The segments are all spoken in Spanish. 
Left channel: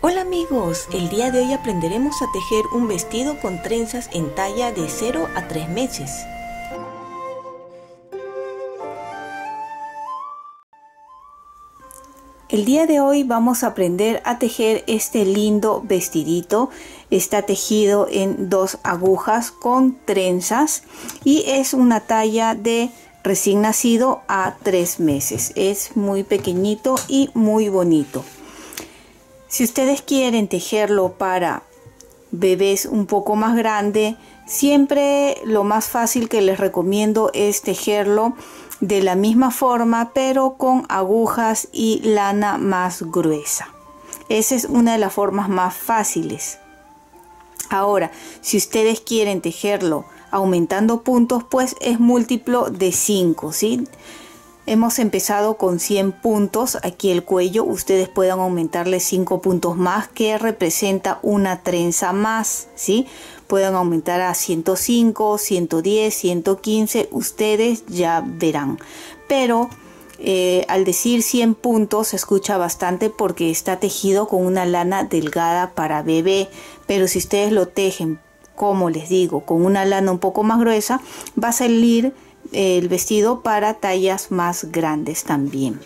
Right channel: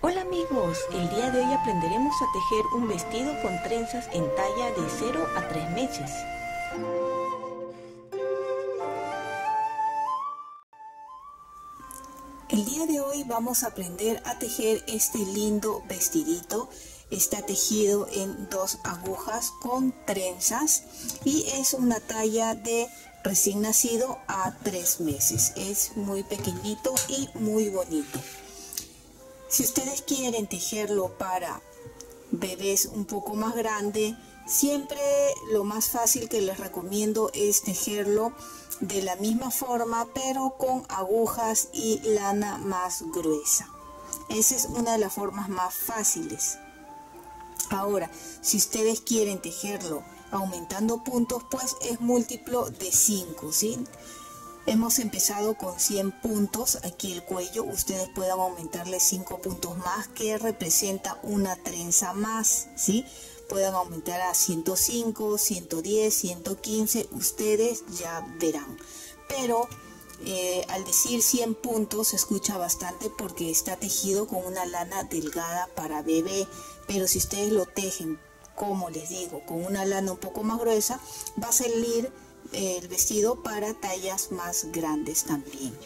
Hola amigos, el día de hoy aprenderemos a tejer un vestido con trenzas en talla de 0 a 3 meses. El día de hoy vamos a aprender a tejer este lindo vestidito. Está tejido en 2 agujas con trenzas y es una talla de recién nacido a 3 meses. Es muy pequeñito y muy bonito. Si ustedes quieren tejerlo para bebés un poco más grande, siempre lo más fácil que les recomiendo es tejerlo de la misma forma, pero con agujas y lana más gruesa. Esa es una de las formas más fáciles. Ahora, si ustedes quieren tejerlo aumentando puntos, pues es múltiplo de 5, ¿sí? Hemos empezado con 100 puntos, aquí el cuello, ustedes pueden aumentarle 5 puntos más que representa una trenza más, ¿sí? Pueden aumentar a 105, 110, 115, ustedes ya verán. Pero al decir 100 puntos se escucha bastante porque está tejido con una lana delgada para bebé, pero si ustedes lo tejen, como les digo, con una lana un poco más gruesa, va a salir el vestido para tallas más grandes también.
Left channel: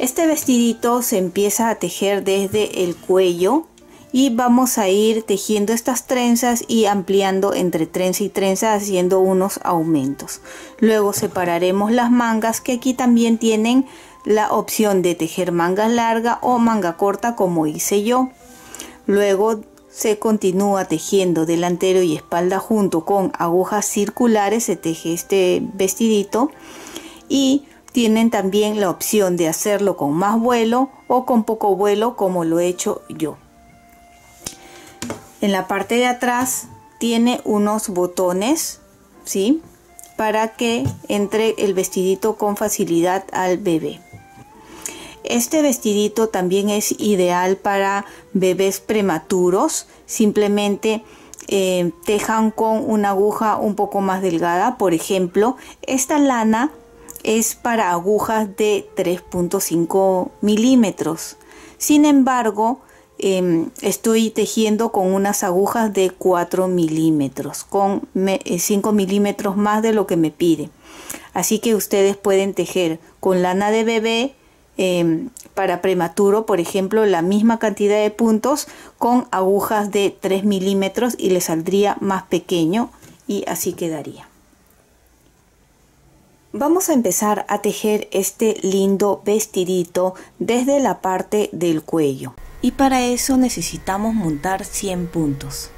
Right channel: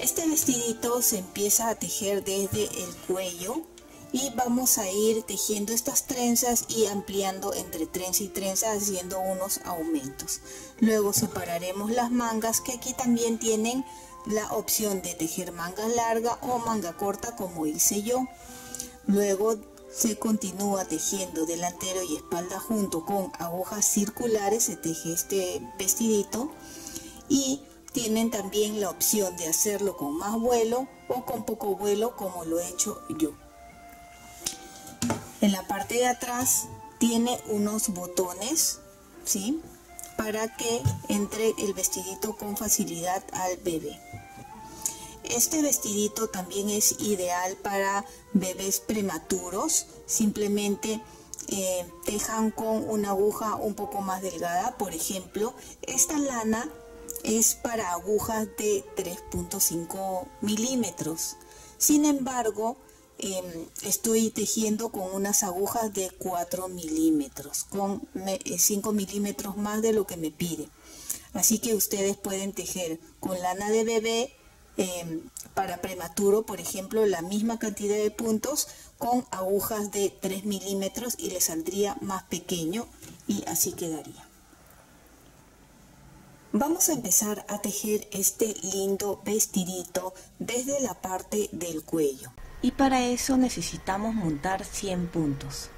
Este vestidito se empieza a tejer desde el cuello y vamos a ir tejiendo estas trenzas y ampliando entre trenza y trenza haciendo unos aumentos. Luego separaremos las mangas, que aquí también tienen la opción de tejer manga larga o manga corta como hice yo. Luego se continúa tejiendo delantero y espalda junto con agujas circulares, se teje este vestidito y tienen también la opción de hacerlo con más vuelo o con poco vuelo como lo he hecho yo. En la parte de atrás tiene unos botones, ¿sí? Para que entre el vestidito con facilidad al bebé. Este vestidito también es ideal para bebés prematuros. Simplemente tejan con una aguja un poco más delgada. Por ejemplo, esta lana es para agujas de 3.5 milímetros. Sin embargo, estoy tejiendo con unas agujas de 4 milímetros, con 5 milímetros más de lo que me pide. Así que ustedes pueden tejer con lana de bebé para prematuro, por ejemplo, la misma cantidad de puntos con agujas de 3 milímetros y le saldría más pequeño y así quedaría. Vamos a empezar a tejer este lindo vestidito desde la parte del cuello y para eso necesitamos montar 100 puntos.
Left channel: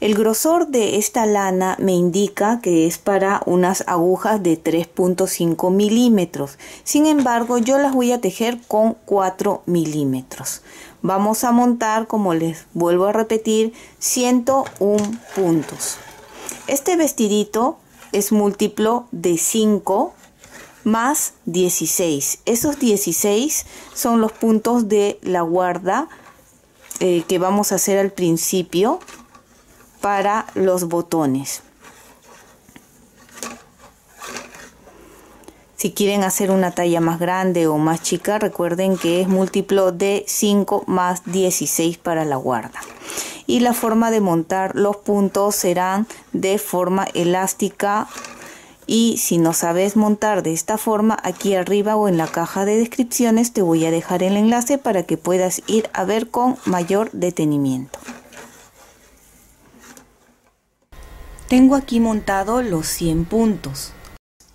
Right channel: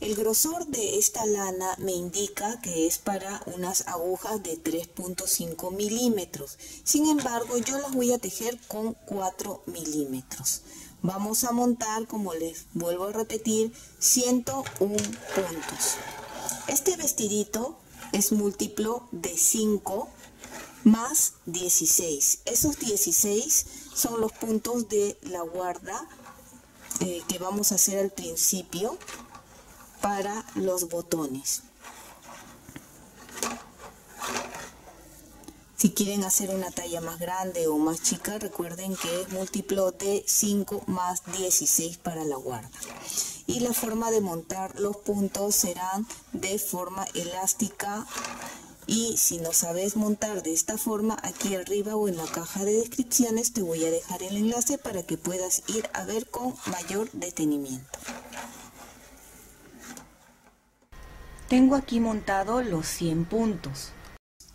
El grosor de esta lana me indica que es para unas agujas de 3.5 milímetros. Sin embargo, yo las voy a tejer con 4 milímetros. Vamos a montar, como les vuelvo a repetir, 101 puntos. Este vestidito es múltiplo de 5 más 16. Esos 16 son los puntos de la guarda que vamos a hacer al principio para los botones. Si quieren hacer una talla más grande o más chica, recuerden que es múltiplo de 5 más 16 para la guarda. Y la forma de montar los puntos serán de forma elástica. Y si no sabes montar de esta forma, aquí arriba o en la caja de descripciones te voy a dejar el enlace para que puedas ir a ver con mayor detenimiento. Tengo aquí montado los 100 puntos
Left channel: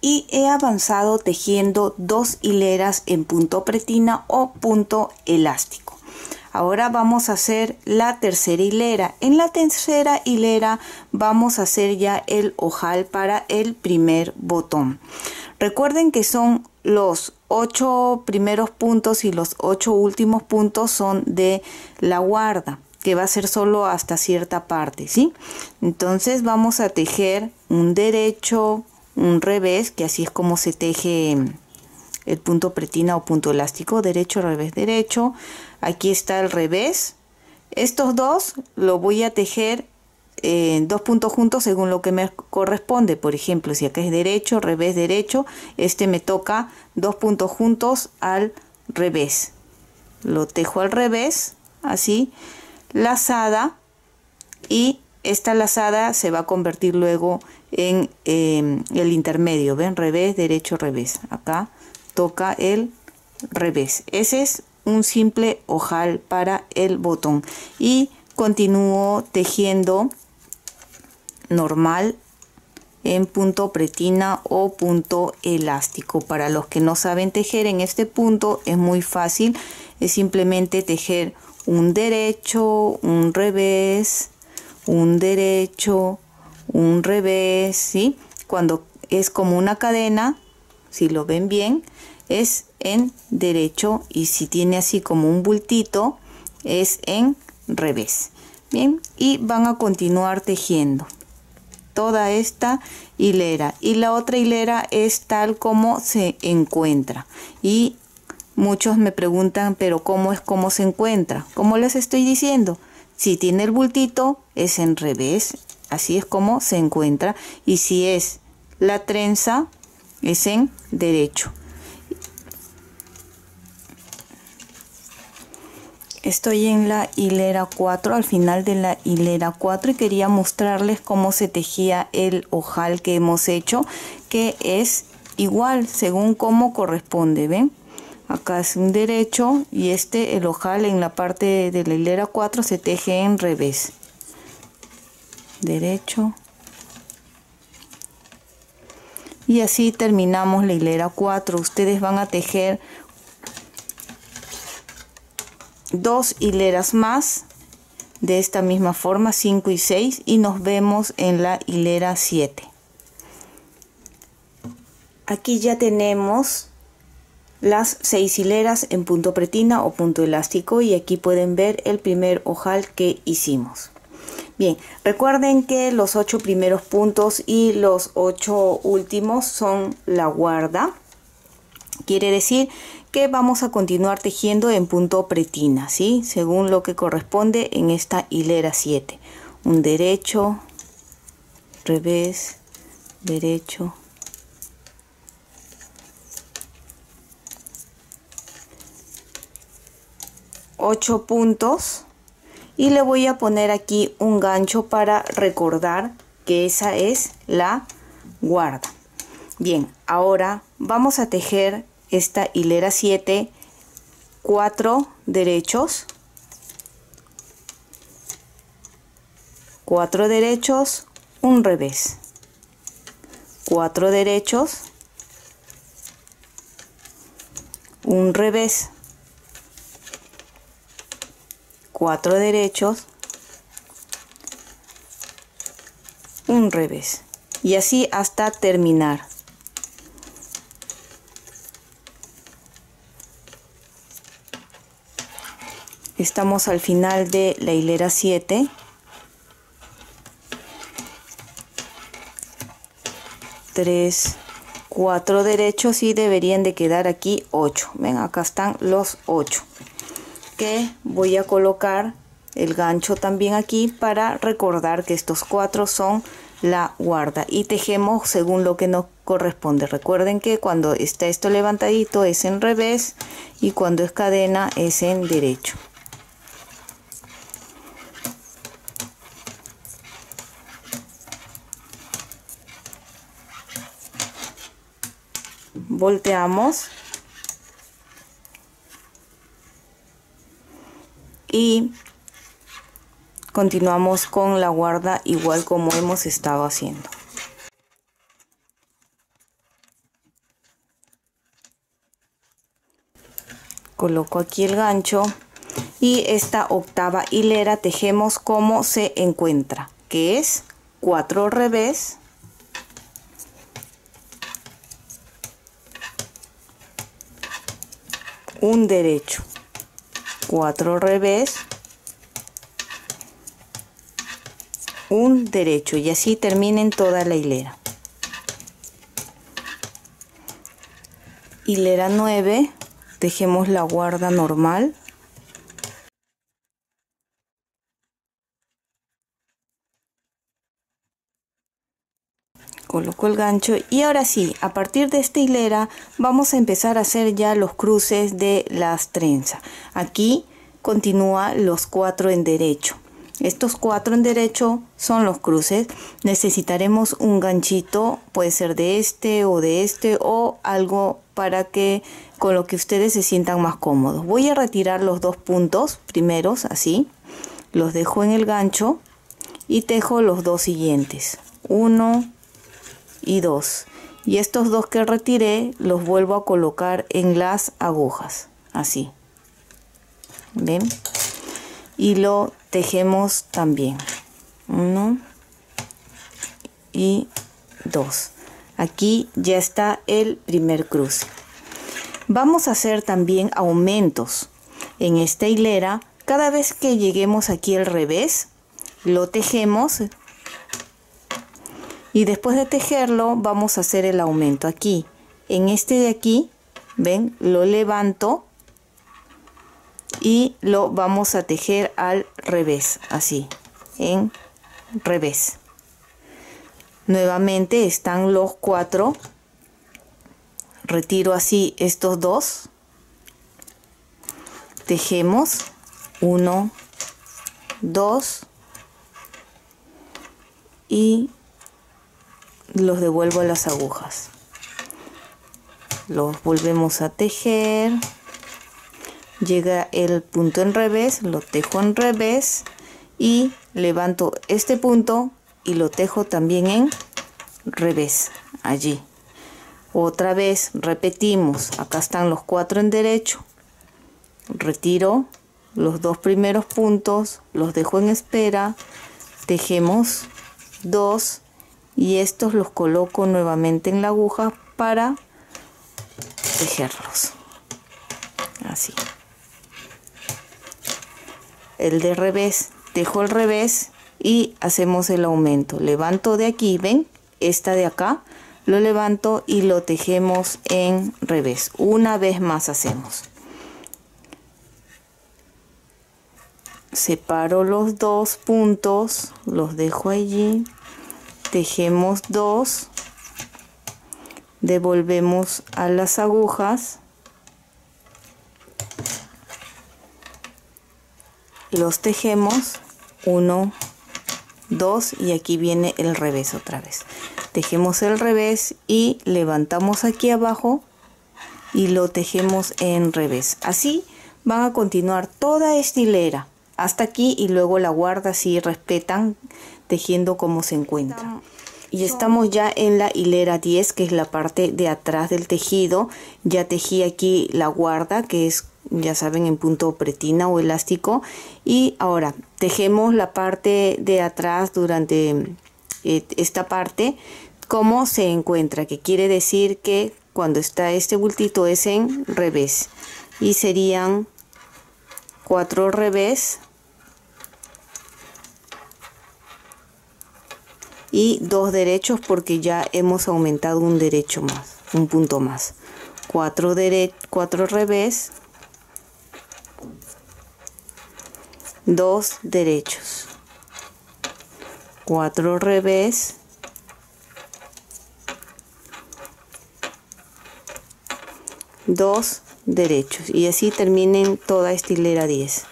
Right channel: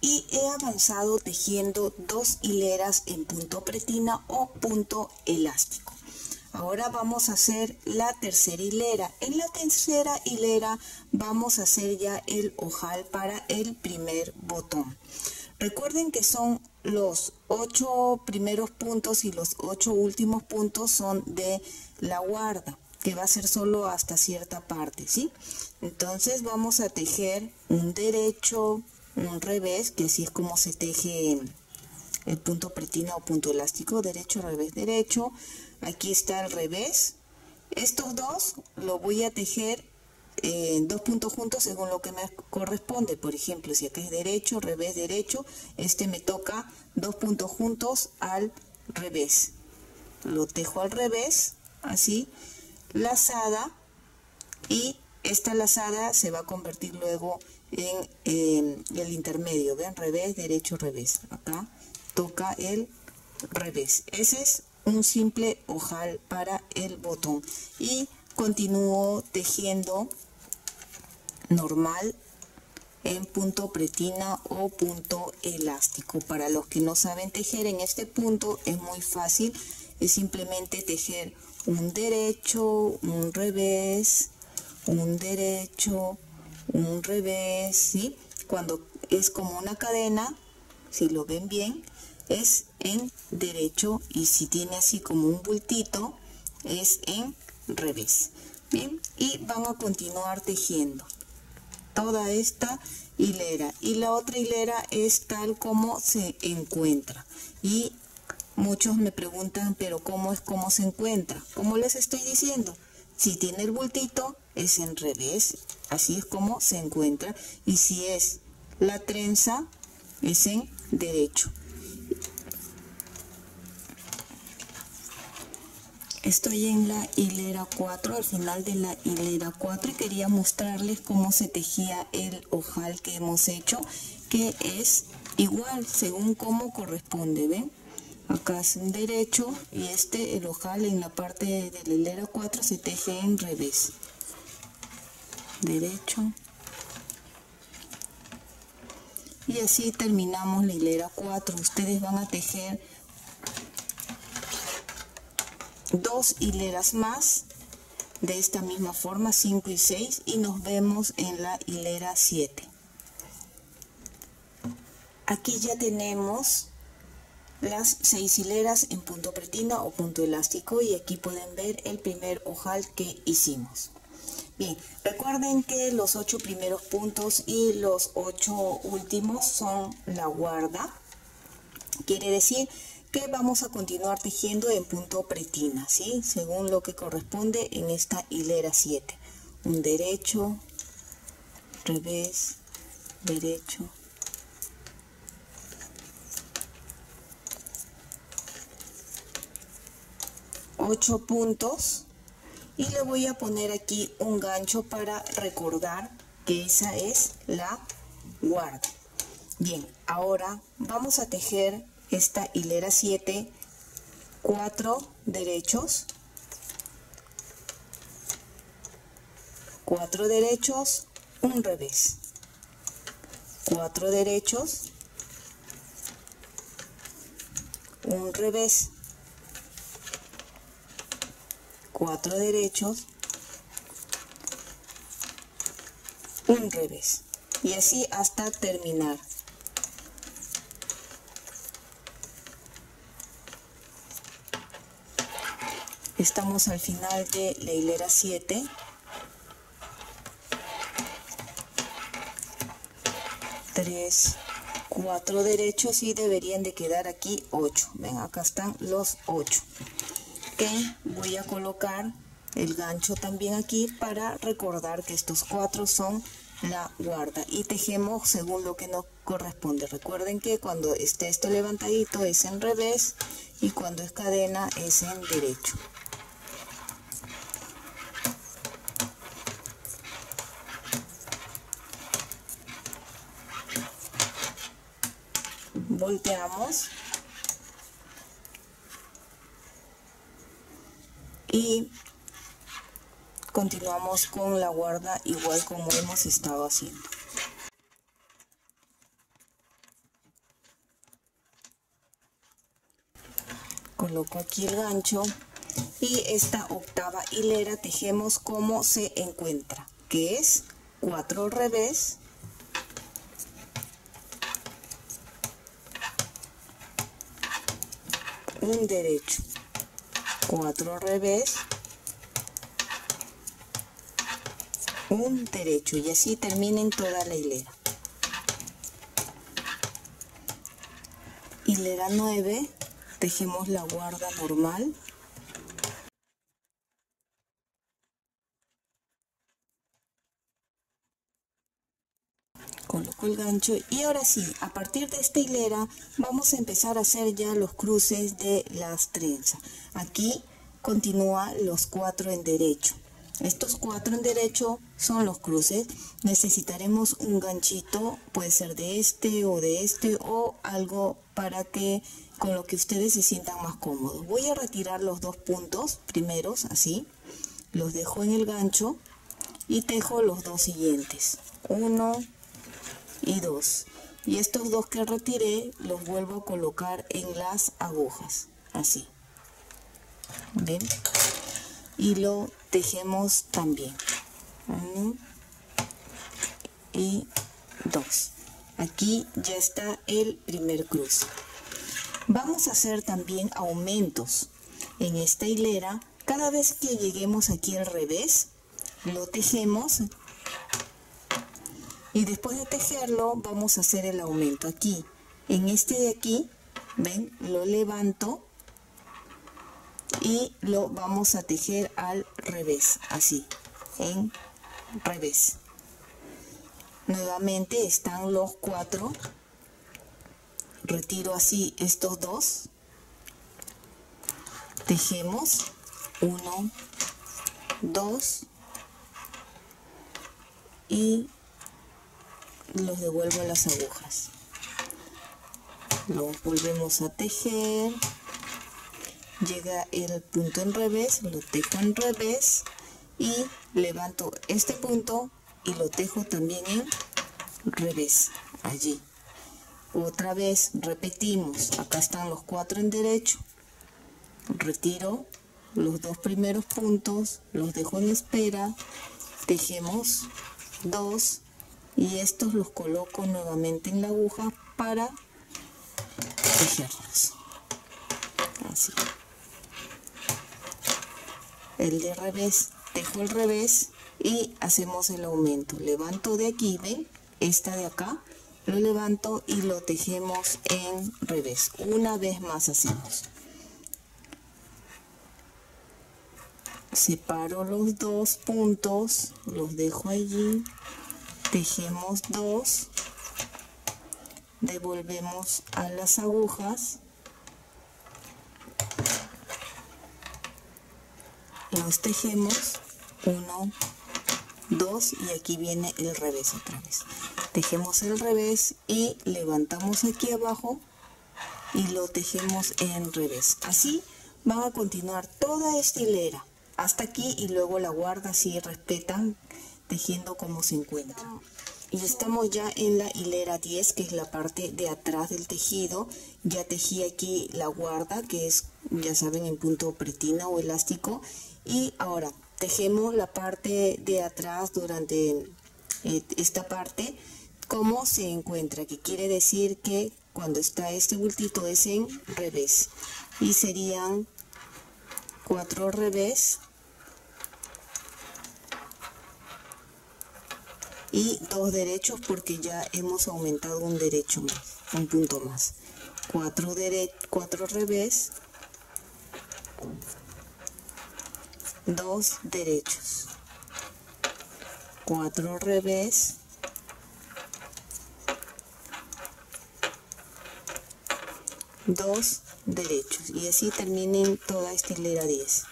y he avanzado tejiendo 2 hileras en punto pretina o punto elástico. Ahora vamos a hacer la tercera hilera. En la tercera hilera vamos a hacer ya el ojal para el primer botón. Recuerden que son los 8 primeros puntos y los 8 últimos puntos son de la guarda, que va a ser solo hasta cierta parte, ¿sí? Entonces vamos a tejer un derecho, un revés, que así es como se teje el punto pretina o punto elástico, derecho, revés, derecho. Aquí está el revés. Estos dos lo voy a tejer dos puntos juntos según lo que me corresponde. Por ejemplo, si acá es derecho, revés, derecho, este me toca 2 puntos juntos al revés. lo tejo al revés, así, lazada, y esta lazada se va a convertir luego en el intermedio, ven, revés, derecho, revés. Acá toca el revés. Ese es un simple ojal para el botón, y continúo tejiendo normal en punto pretina o punto elástico. Para los que no saben tejer en este punto es muy fácil, es simplemente tejer un derecho, un revés, un derecho, un revés, ¿sí? Cuando es como una cadena, si lo ven bien, es en derecho, y si tiene así como un bultito es en revés. Bien, y van a continuar tejiendo toda esta hilera, y la otra hilera es tal como se encuentra. Y muchos me preguntan, pero ¿cómo es como se encuentra? Como les estoy diciendo, si tiene el bultito es en revés, así es como se encuentra, y si es la trenza es en derecho. Estoy en la hilera 4, al final de la hilera 4, y quería mostrarles cómo se tejía el ojal que hemos hecho, que es igual según cómo corresponde, ¿ven? Acá es un derecho, y el ojal en la parte de la hilera 4 se teje en revés. Derecho. Y así terminamos la hilera 4. Ustedes van a tejer 2 hileras más de esta misma forma, 5 y 6, y nos vemos en la hilera 7. Aquí ya tenemos las 6 hileras en punto pretina o punto elástico, y aquí pueden ver el primer ojal que hicimos. Bien, recuerden que los 8 primeros puntos y los 8 últimos son la guarda. Quiere decir que vamos a continuar tejiendo en punto pretina, ¿sí? Según lo que corresponde en esta hilera 7. Un derecho, revés, derecho, 8 puntos, y le voy a poner aquí un gancho para recordar que esa es la guarda. Bien, ahora vamos a tejer esta hilera 7, 4 derechos, 4 derechos, un revés, 4 derechos, un revés, 4 derechos, un revés, y así hasta terminar. Estamos al final de la hilera 7. Tres, 4 derechos, y deberían de quedar aquí 8. Ven, acá están los 8. Que voy a colocar el gancho también aquí para recordar que estos 4 son la guarda, y tejemos según lo que nos corresponde. Recuerden que cuando está esto levantadito es en revés, y cuando es cadena es en derecho. Volteamos y continuamos con la guarda igual como hemos estado haciendo. Coloco aquí el gancho, y esta octava hilera tejemos como se encuentra, que es 4 revés, un derecho, 4 revés, un derecho, y así terminen toda la hilera. Hilera 9, tejemos la guarda normal, coloco el gancho y ahora sí, a partir de esta hilera vamos a empezar a hacer ya los cruces de las trenzas. Aquí continúa los 4 en derecho. Estos 4 en derecho son los cruces. Necesitaremos un ganchito, puede ser de este o algo para que con lo que ustedes se sientan más cómodos. Voy a retirar los 2 puntos primeros, así, los dejo en el gancho y tejo los 2 siguientes, 1 y 2, y estos 2 que retiré los vuelvo a colocar en las agujas, así, ¿ven? Y lo tejemos también, 1 y 2. Aquí ya está el primer cruce. Vamos a hacer también aumentos en esta hilera. Cada vez que lleguemos aquí al revés, lo tejemos y después de tejerlo vamos a hacer el aumento aquí. En este de aquí, ven, lo levanto y lo vamos a tejer al revés, así, en revés. Nuevamente están los 4, retiro así estos 2, tejemos 1, 2 y los devuelvo a las agujas, los volvemos a tejer. Llega el punto en revés, lo tejo en revés y levanto este punto y lo tejo también en revés, allí. Otra vez repetimos, acá están los 4 en derecho, retiro los 2 primeros puntos, los dejo en espera, tejemos 2 y estos los coloco nuevamente en la aguja para tejerlos, así. El de revés, tejo el revés y hacemos el aumento. Levanto de aquí, ven, esta de acá, lo levanto y lo tejemos en revés. Una vez más hacemos. Separo los 2 puntos, los dejo allí, tejemos 2, devolvemos a las agujas, los tejemos 1, 2 y aquí viene el revés otra vez. Tejemos el revés y levantamos aquí abajo y lo tejemos en revés. Así van a continuar toda esta hilera hasta aquí y luego la guarda si respetan tejiendo como se encuentra. Y estamos ya en la hilera 10, que es la parte de atrás del tejido. Ya tejí aquí la guarda, que es, ya saben, en punto pretina o elástico. Y ahora tejemos la parte de atrás durante esta parte como se encuentra, que quiere decir que cuando está este bultito es en revés. Y serían 4 revés y 2 derechos porque ya hemos aumentado un derecho más, un punto más. 4 revés, 2 derechos, 4 revés, 2 derechos y así terminen toda esta hilera 10.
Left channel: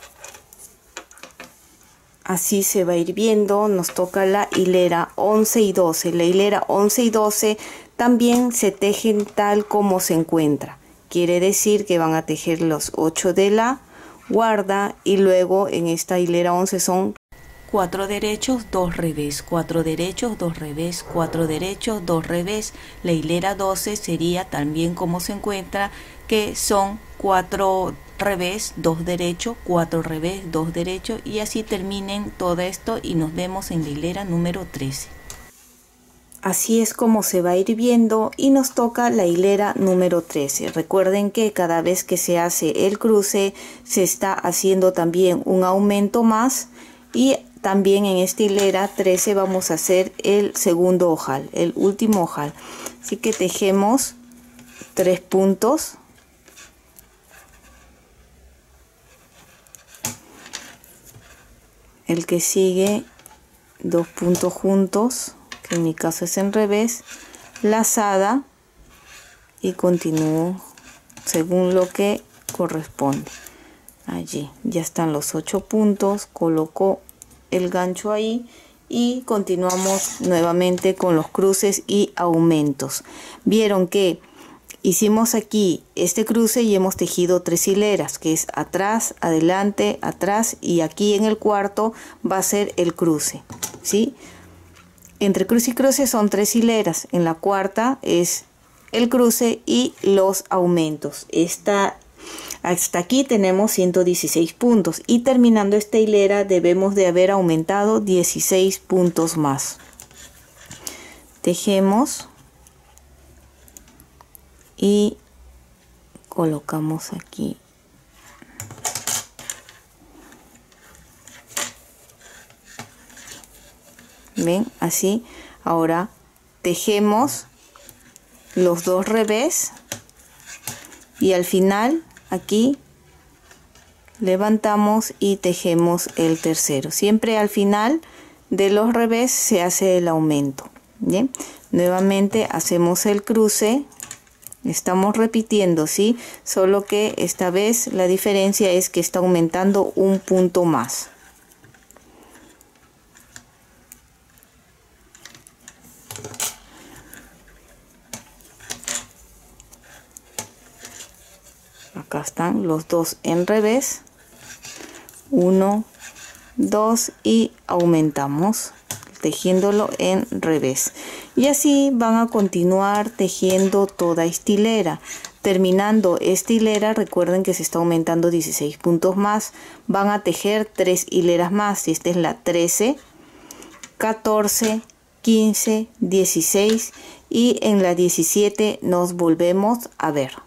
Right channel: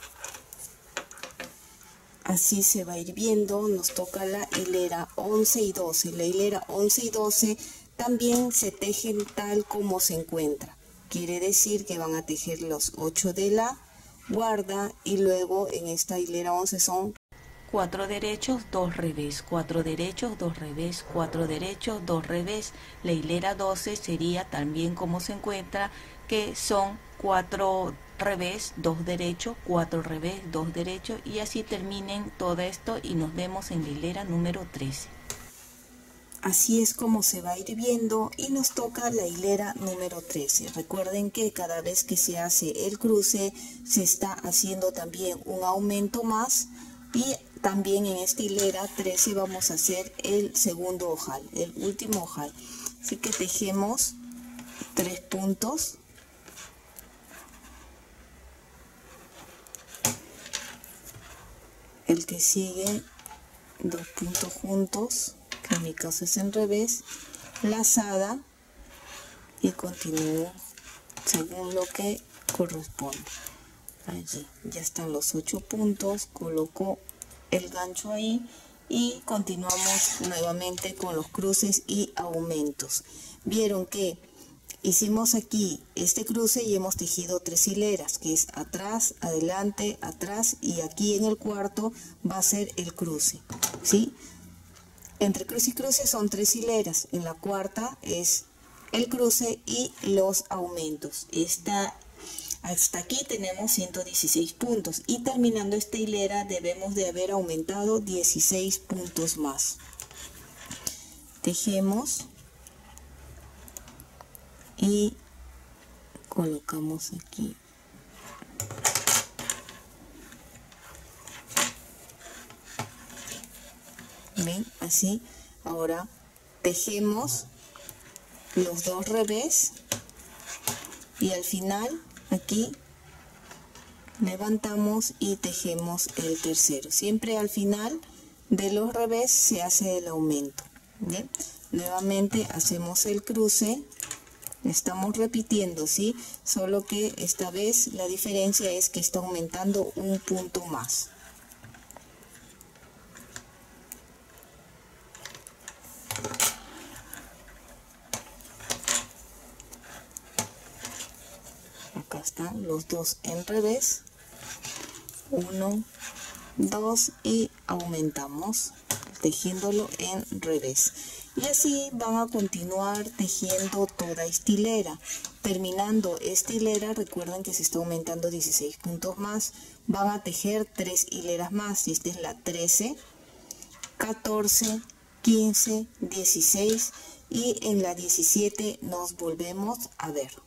Así se va a ir viendo. Nos toca la hilera 11 y 12. La hilera 11 y 12 también se tejen tal como se encuentra. Quiere decir que van a tejer los 8 de la guarda y luego en esta hilera 11 son 4 derechos, 2 revés, 4 derechos, 2 revés, 4 derechos, 2 revés. La hilera 12 sería también como se encuentra, que son 4 revés, 2 derechos, 4 revés, 2 derechos y así terminen todo esto y nos vemos en la hilera número 13. Así es como se va a ir viendo y nos toca la hilera número 13. Recuerden que cada vez que se hace el cruce se está haciendo también un aumento más y también en esta hilera 13 vamos a hacer el segundo ojal, el último ojal. Así que tejemos 3 puntos. El que sigue 2 puntos juntos, que en mi caso es en revés, lazada, y continúo según lo que corresponde. Allí ya están los 8 puntos, coloco el gancho ahí y continuamos nuevamente con los cruces y aumentos. Vieron que hicimos aquí este cruce y hemos tejido 3 hileras, que es atrás, adelante, atrás, y aquí en el cuarto va a ser el cruce, ¿sí? Entre cruce y cruce son 3 hileras, en la cuarta es el cruce y los aumentos. Hasta aquí tenemos 116 puntos y terminando esta hilera debemos de haber aumentado 16 puntos más. Tejemos y colocamos aquí. ¿Ven? Así. Ahora tejemos los 2 revés y al final aquí levantamos y tejemos el tercero. Siempre al final de los revés se hace el aumento. Bien, nuevamente hacemos el cruce, estamos repitiendo, ¿sí? Solo que esta vez la diferencia es que está aumentando un punto más. Acá están los 2 en revés, 1, 2 y aumentamos tejiéndolo en revés, y así van a continuar tejiendo toda esta hilera. Terminando esta hilera, recuerden que se está aumentando 16 puntos más, van a tejer 3 hileras más, y esta es la 13, 14, 15, 16 y en la 17 nos volvemos a ver.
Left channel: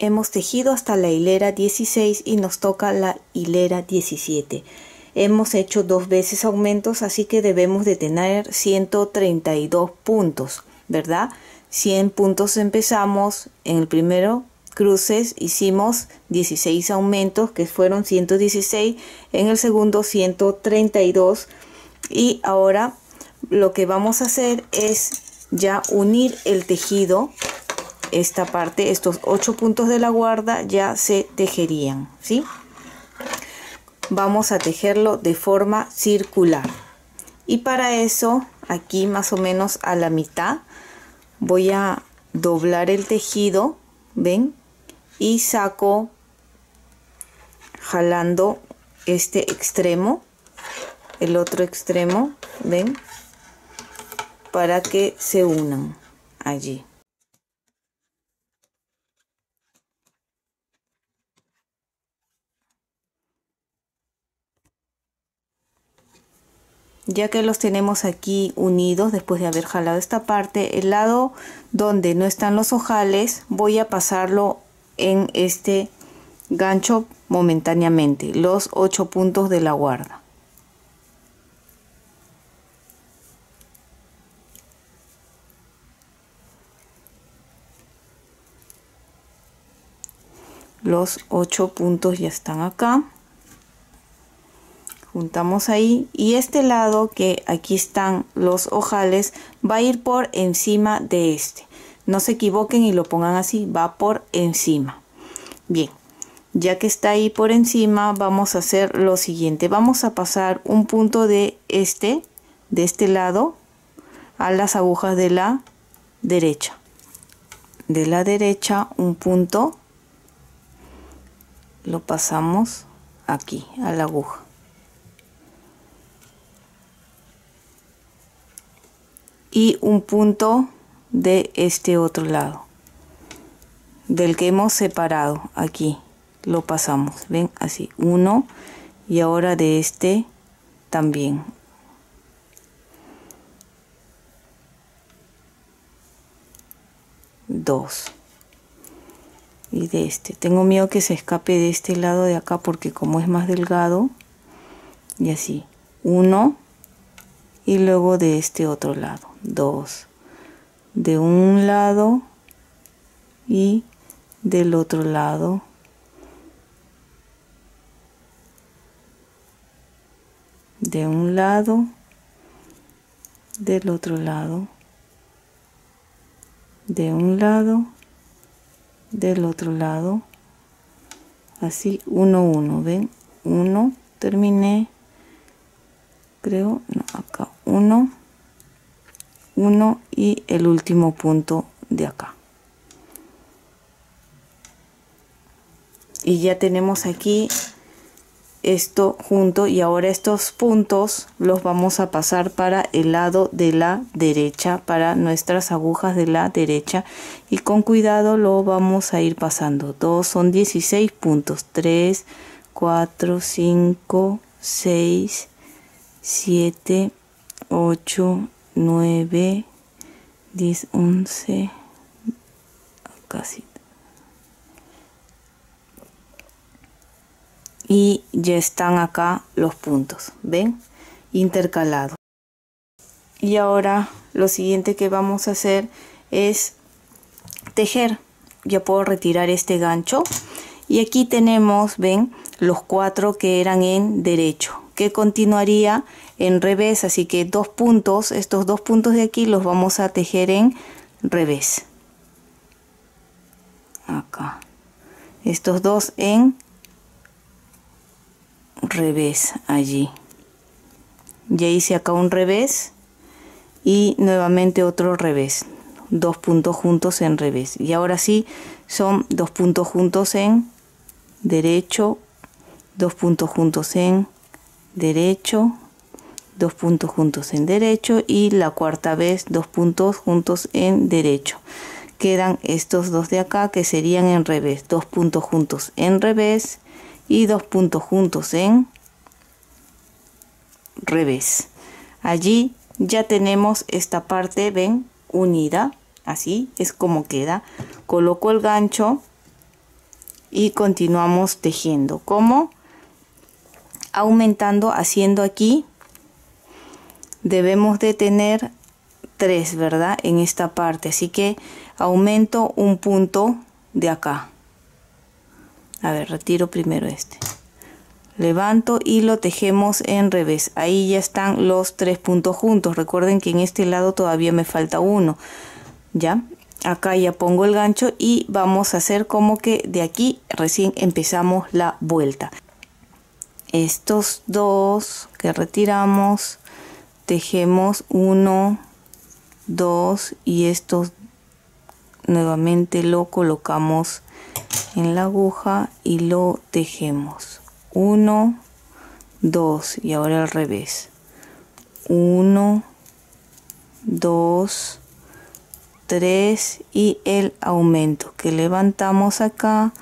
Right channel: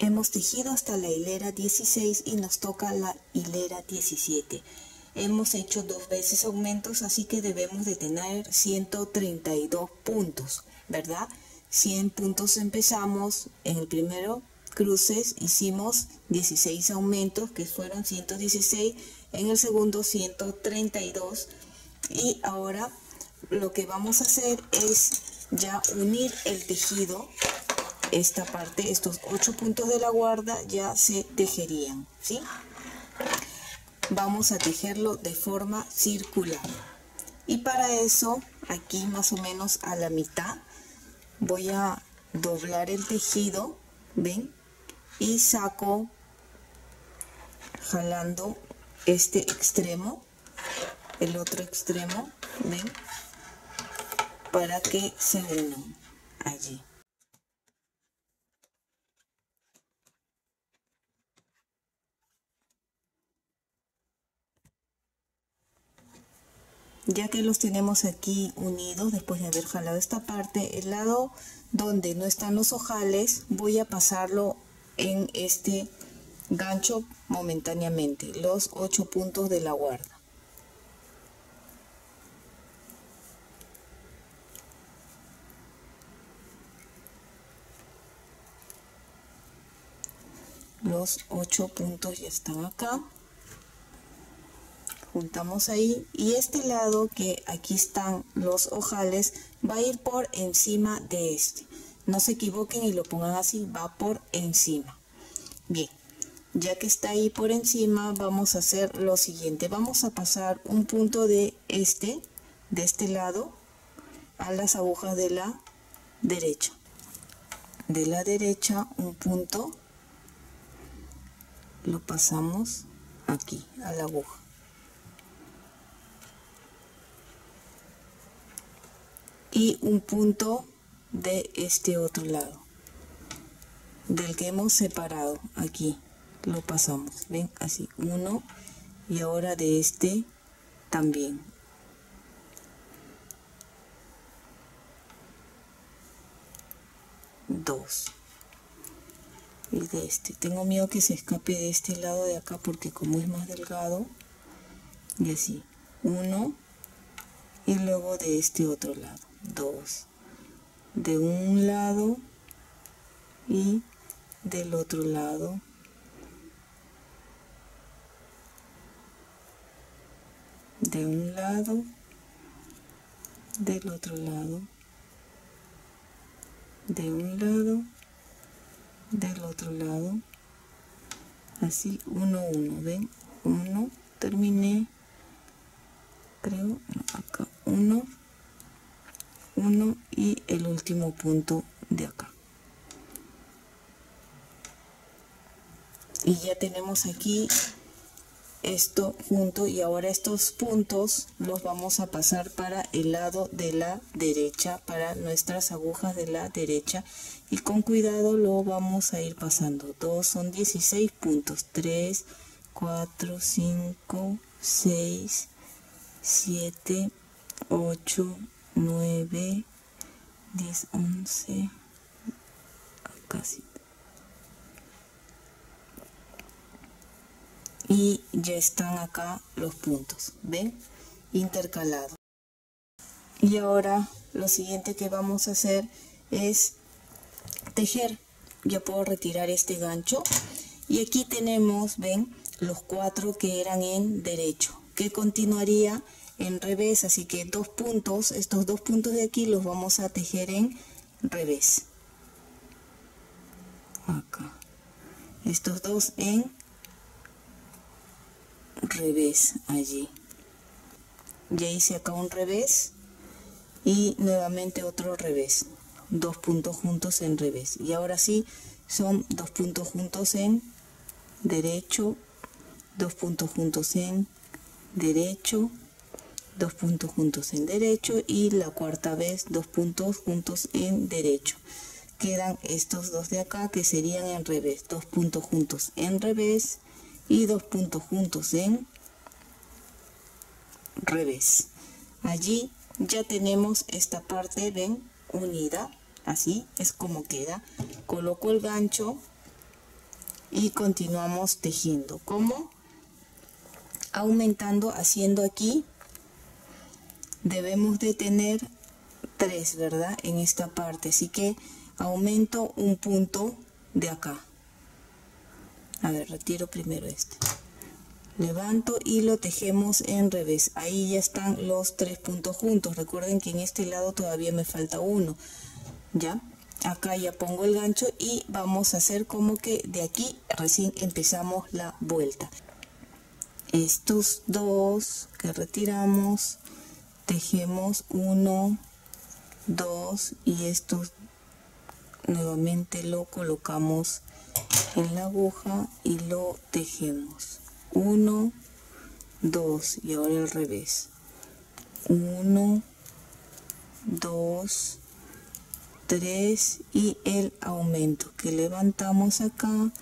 Hemos tejido hasta la hilera 16 y nos toca la hilera 17. Hemos hecho 2 veces aumentos, así que debemos de tener 132 puntos, ¿verdad? 100 puntos empezamos, en el primero cruces hicimos 16 aumentos, que fueron 116, en el segundo 132, y ahora lo que vamos a hacer es ya unir el tejido. Esta parte, estos 8 puntos de la guarda ya se tejerían, ¿sí? Vamos a tejerlo de forma circular, y para eso aquí más o menos a la mitad voy a doblar el tejido, ¿ven? Y saco jalando este extremo, el otro extremo, ¿ven? Para que se unan allí. Ya que los tenemos aquí unidos, después de haber jalado esta parte, el lado donde no están los ojales voy a pasarlo en este gancho momentáneamente, los 8 puntos de la guarda. Los 8 puntos ya están acá. Juntamos ahí, y este lado que aquí están los ojales va a ir por encima de este. No se equivoquen y lo pongan así, va por encima. Bien, ya que está ahí por encima, vamos a hacer lo siguiente. Vamos a pasar un punto de este lado a las agujas de la derecha. De la derecha un punto lo pasamos aquí a la aguja. Y un punto de este otro lado, del que hemos separado, aquí lo pasamos, ven, así, uno, y ahora de este también. Dos. Y de este, tengo miedo que se escape de este lado de acá porque como es más delgado, y así, uno, y luego de este otro lado, 2 de un lado y del otro lado, de un lado del otro lado, de un lado, del otro lado, así 1 1, ven, 1, terminé, creo, no, acá 1 1 y el último punto de acá. Y ya tenemos aquí esto junto, y ahora estos puntos los vamos a pasar para el lado de la derecha, para nuestras agujas de la derecha, y con cuidado lo vamos a ir pasando. Todos son 16 puntos, 3 4 5 6 7 8 9 10 11, casi. Y ya están acá los puntos, ven, intercalados. Y ahora lo siguiente que vamos a hacer es tejer. Ya puedo retirar este gancho, y aquí tenemos, ven, los 4 que eran en derecho, que continuaría en revés, así que 2 puntos, estos 2 puntos de aquí los vamos a tejer en revés, acá, estos 2 en revés, allí ya hice acá un revés y nuevamente otro revés, 2 puntos juntos en revés, y ahora sí son 2 puntos juntos en derecho, 2 puntos juntos en derecho, 2 puntos juntos en derecho, y la cuarta vez 2 puntos juntos en derecho. Quedan estos 2 de acá que serían en revés, 2 puntos juntos en revés y 2 puntos juntos en revés. Allí ya tenemos esta parte, ven, unida, así es como queda. Coloco el gancho y continuamos tejiendo. ¿Cómo? Aumentando, haciendo aquí. Debemos de tener 3, ¿verdad? En esta parte, así que aumento un punto de acá. A ver, retiro primero este, levanto y lo tejemos en revés. Ahí ya están los 3 puntos juntos. Recuerden que en este lado todavía me falta uno. Ya, acá ya pongo el gancho y vamos a hacer como que de aquí recién empezamos la vuelta. Estos 2 que retiramos, tejemos 1, 2, y estos nuevamente lo colocamos en la aguja y lo tejemos 1, 2, y ahora al revés, 1, 2, 3, y el aumento que levantamos acá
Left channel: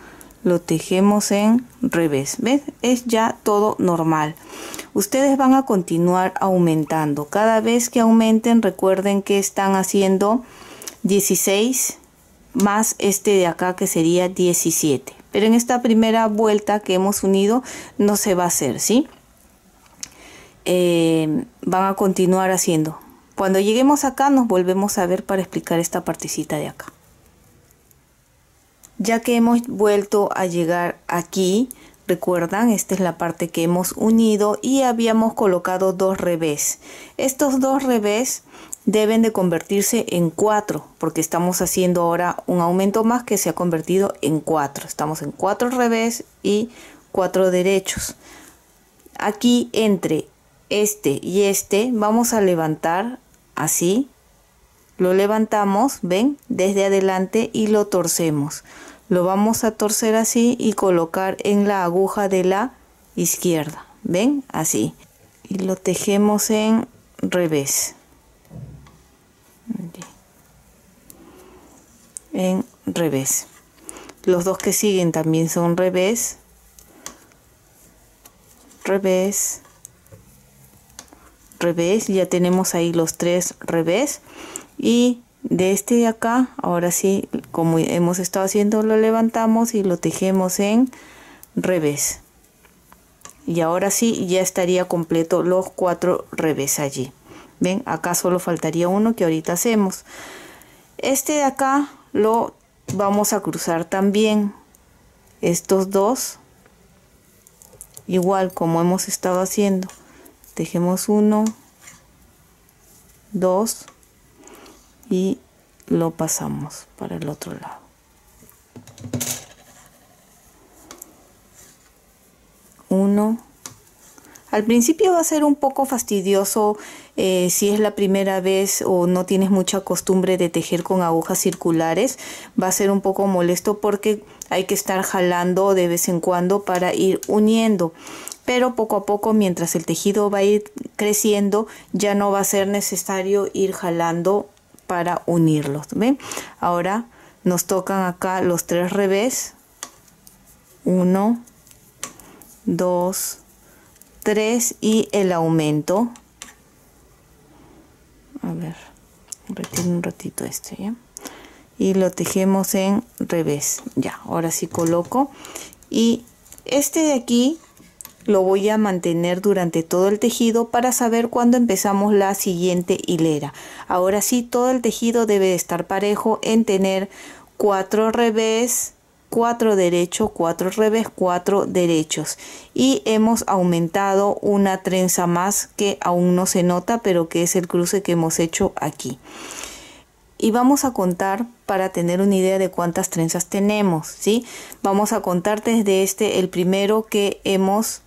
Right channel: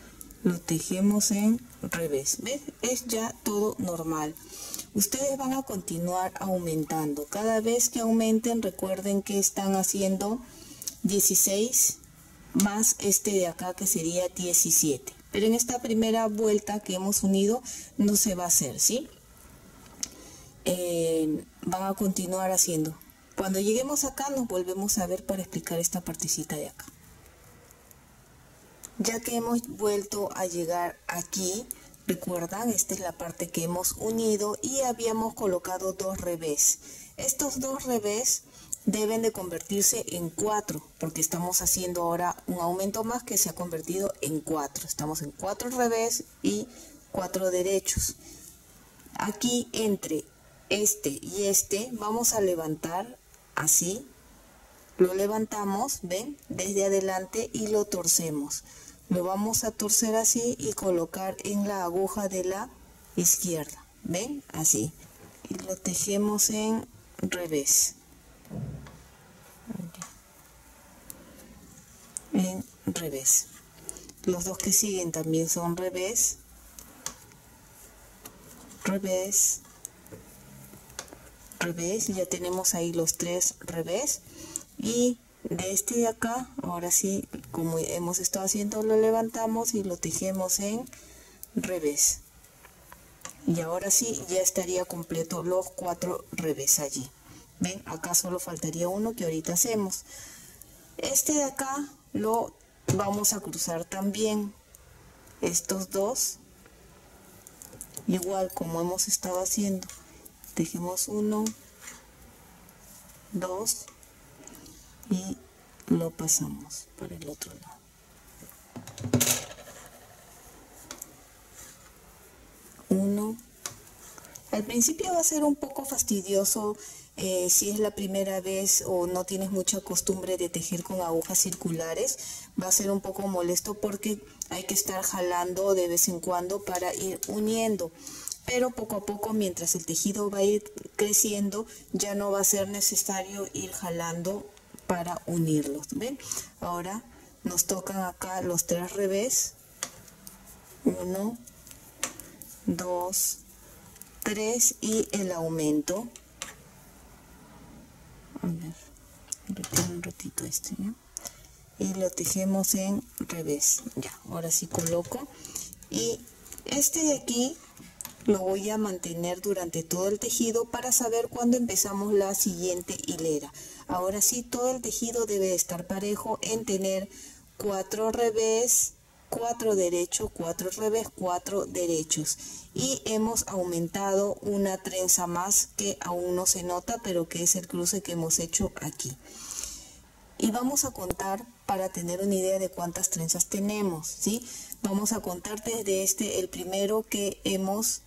lo tejemos en revés. ¿Ves? Es ya todo normal. Ustedes van a continuar aumentando. Cada vez que aumenten, recuerden que están haciendo 16 más este de acá, que sería 17. Pero en esta primera vuelta que hemos unido no se va a hacer, ¿sí? Van a continuar haciendo. Cuando lleguemos acá nos volvemos a ver para explicar esta partecita de acá. Ya que hemos vuelto a llegar aquí, recuerdan, esta es la parte que hemos unido y habíamos colocado 2 revés. Estos 2 revés deben de convertirse en 4, porque estamos haciendo ahora un aumento más que se ha convertido en 4. Estamos en 4 revés y 4 derechos. Aquí entre este y este vamos a levantar así. Lo levantamos, ven, desde adelante, y lo torcemos. Lo vamos a torcer así y colocar en la aguja de la izquierda, ven, así, y lo tejemos en revés, en revés. Los 2 que siguen también son revés, revés, revés. Ya tenemos ahí los 3 revés. Y de este de acá, ahora sí, como hemos estado haciendo, lo levantamos y lo tejemos en revés. Y ahora sí ya estaría completo los 4 revés allí. Ven, acá solo faltaría uno que ahorita hacemos. Este de acá lo vamos a cruzar también. Estos 2, igual como hemos estado haciendo, tejemos 1, 2 y lo pasamos para el otro lado. 1. Al principio va a ser un poco fastidioso si es la primera vez o no tienes mucha costumbre de tejer con agujas circulares. Va a ser un poco molesto porque hay que estar jalando de vez en cuando para ir uniendo. Pero poco a poco, mientras el tejido va a ir creciendo, ya no va a ser necesario ir jalando para unirlos. ¿Ven? Ahora nos tocan acá los 3 revés. 1, 2, 3 y el aumento. A ver, retiro un ratito este, ¿ya? Y lo tejemos en revés. Ya, ahora sí coloco. Y este de aquí lo voy a mantener durante todo el tejido para saber cuándo empezamos la siguiente hilera. Ahora sí, todo el tejido debe estar parejo en tener 4 revés, 4 derechos, 4 revés, 4 derechos. Y hemos aumentado una trenza más que aún no se nota, pero que es el cruce que hemos hecho aquí. Y vamos a contar para tener una idea de cuántas trenzas tenemos, ¿sí? Vamos a contar desde el primero que hemos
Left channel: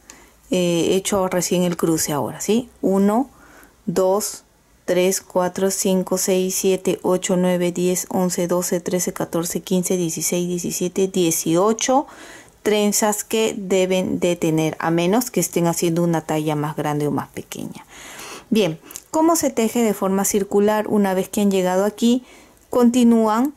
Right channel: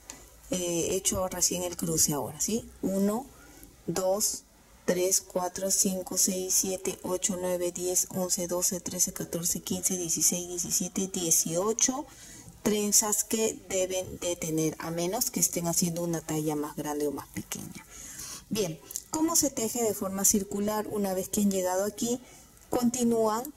hecho recién el cruce ahora, ¿sí? 1, 2, 3, 4, 5, 6, 7, 8, 9, 10, 11, 12, 13, 14, 15, 16, 17, 18 trenzas que deben de tener, a menos que estén haciendo una talla más grande o más pequeña. Bien, ¿cómo se teje de forma circular? Una vez que han llegado aquí, continúan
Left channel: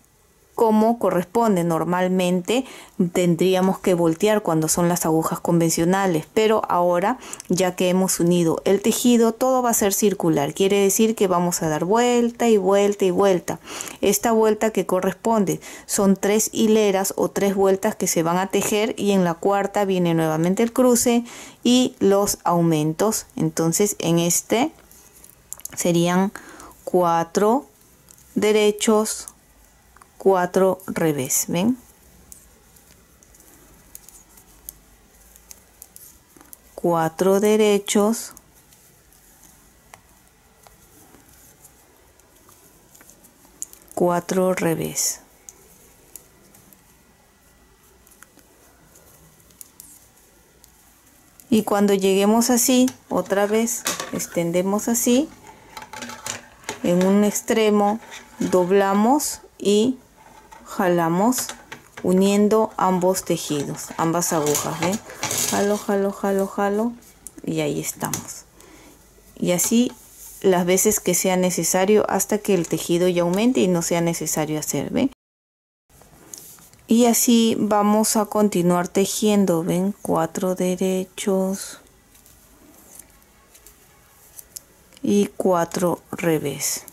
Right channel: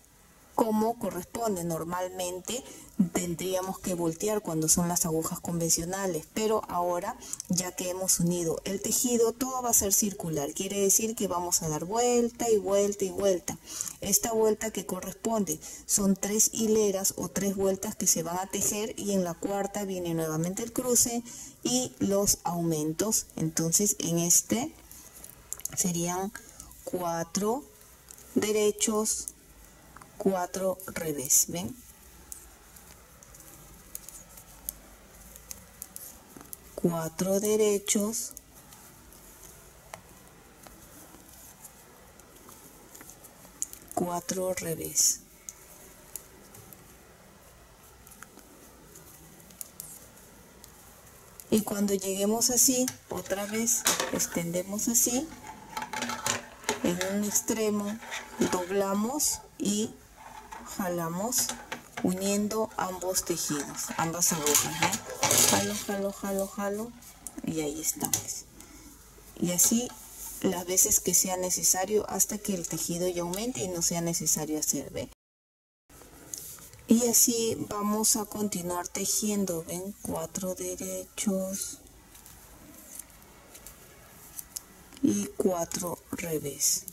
como corresponde. Normalmente tendríamos que voltear cuando son las agujas convencionales, pero ahora, ya que hemos unido el tejido, todo va a ser circular. Quiere decir que vamos a dar vuelta y vuelta y vuelta. Esta vuelta que corresponde son 3 hileras o 3 vueltas que se van a tejer, y en la cuarta viene nuevamente el cruce y los aumentos. Entonces en este serían 4 derechos, 4 revés, ¿ven? 4 derechos, 4 revés. Y cuando lleguemos así, otra vez extendemos así, en un extremo doblamos y jalamos uniendo ambos tejidos, ambas agujas, ¿eh? Jalo, jalo, jalo, jalo, y ahí estamos. Y así las veces que sea necesario hasta que el tejido ya aumente y no sea necesario hacer, ¿ven? Y así vamos a continuar tejiendo, ¿ven? 4 derechos y 4 revés.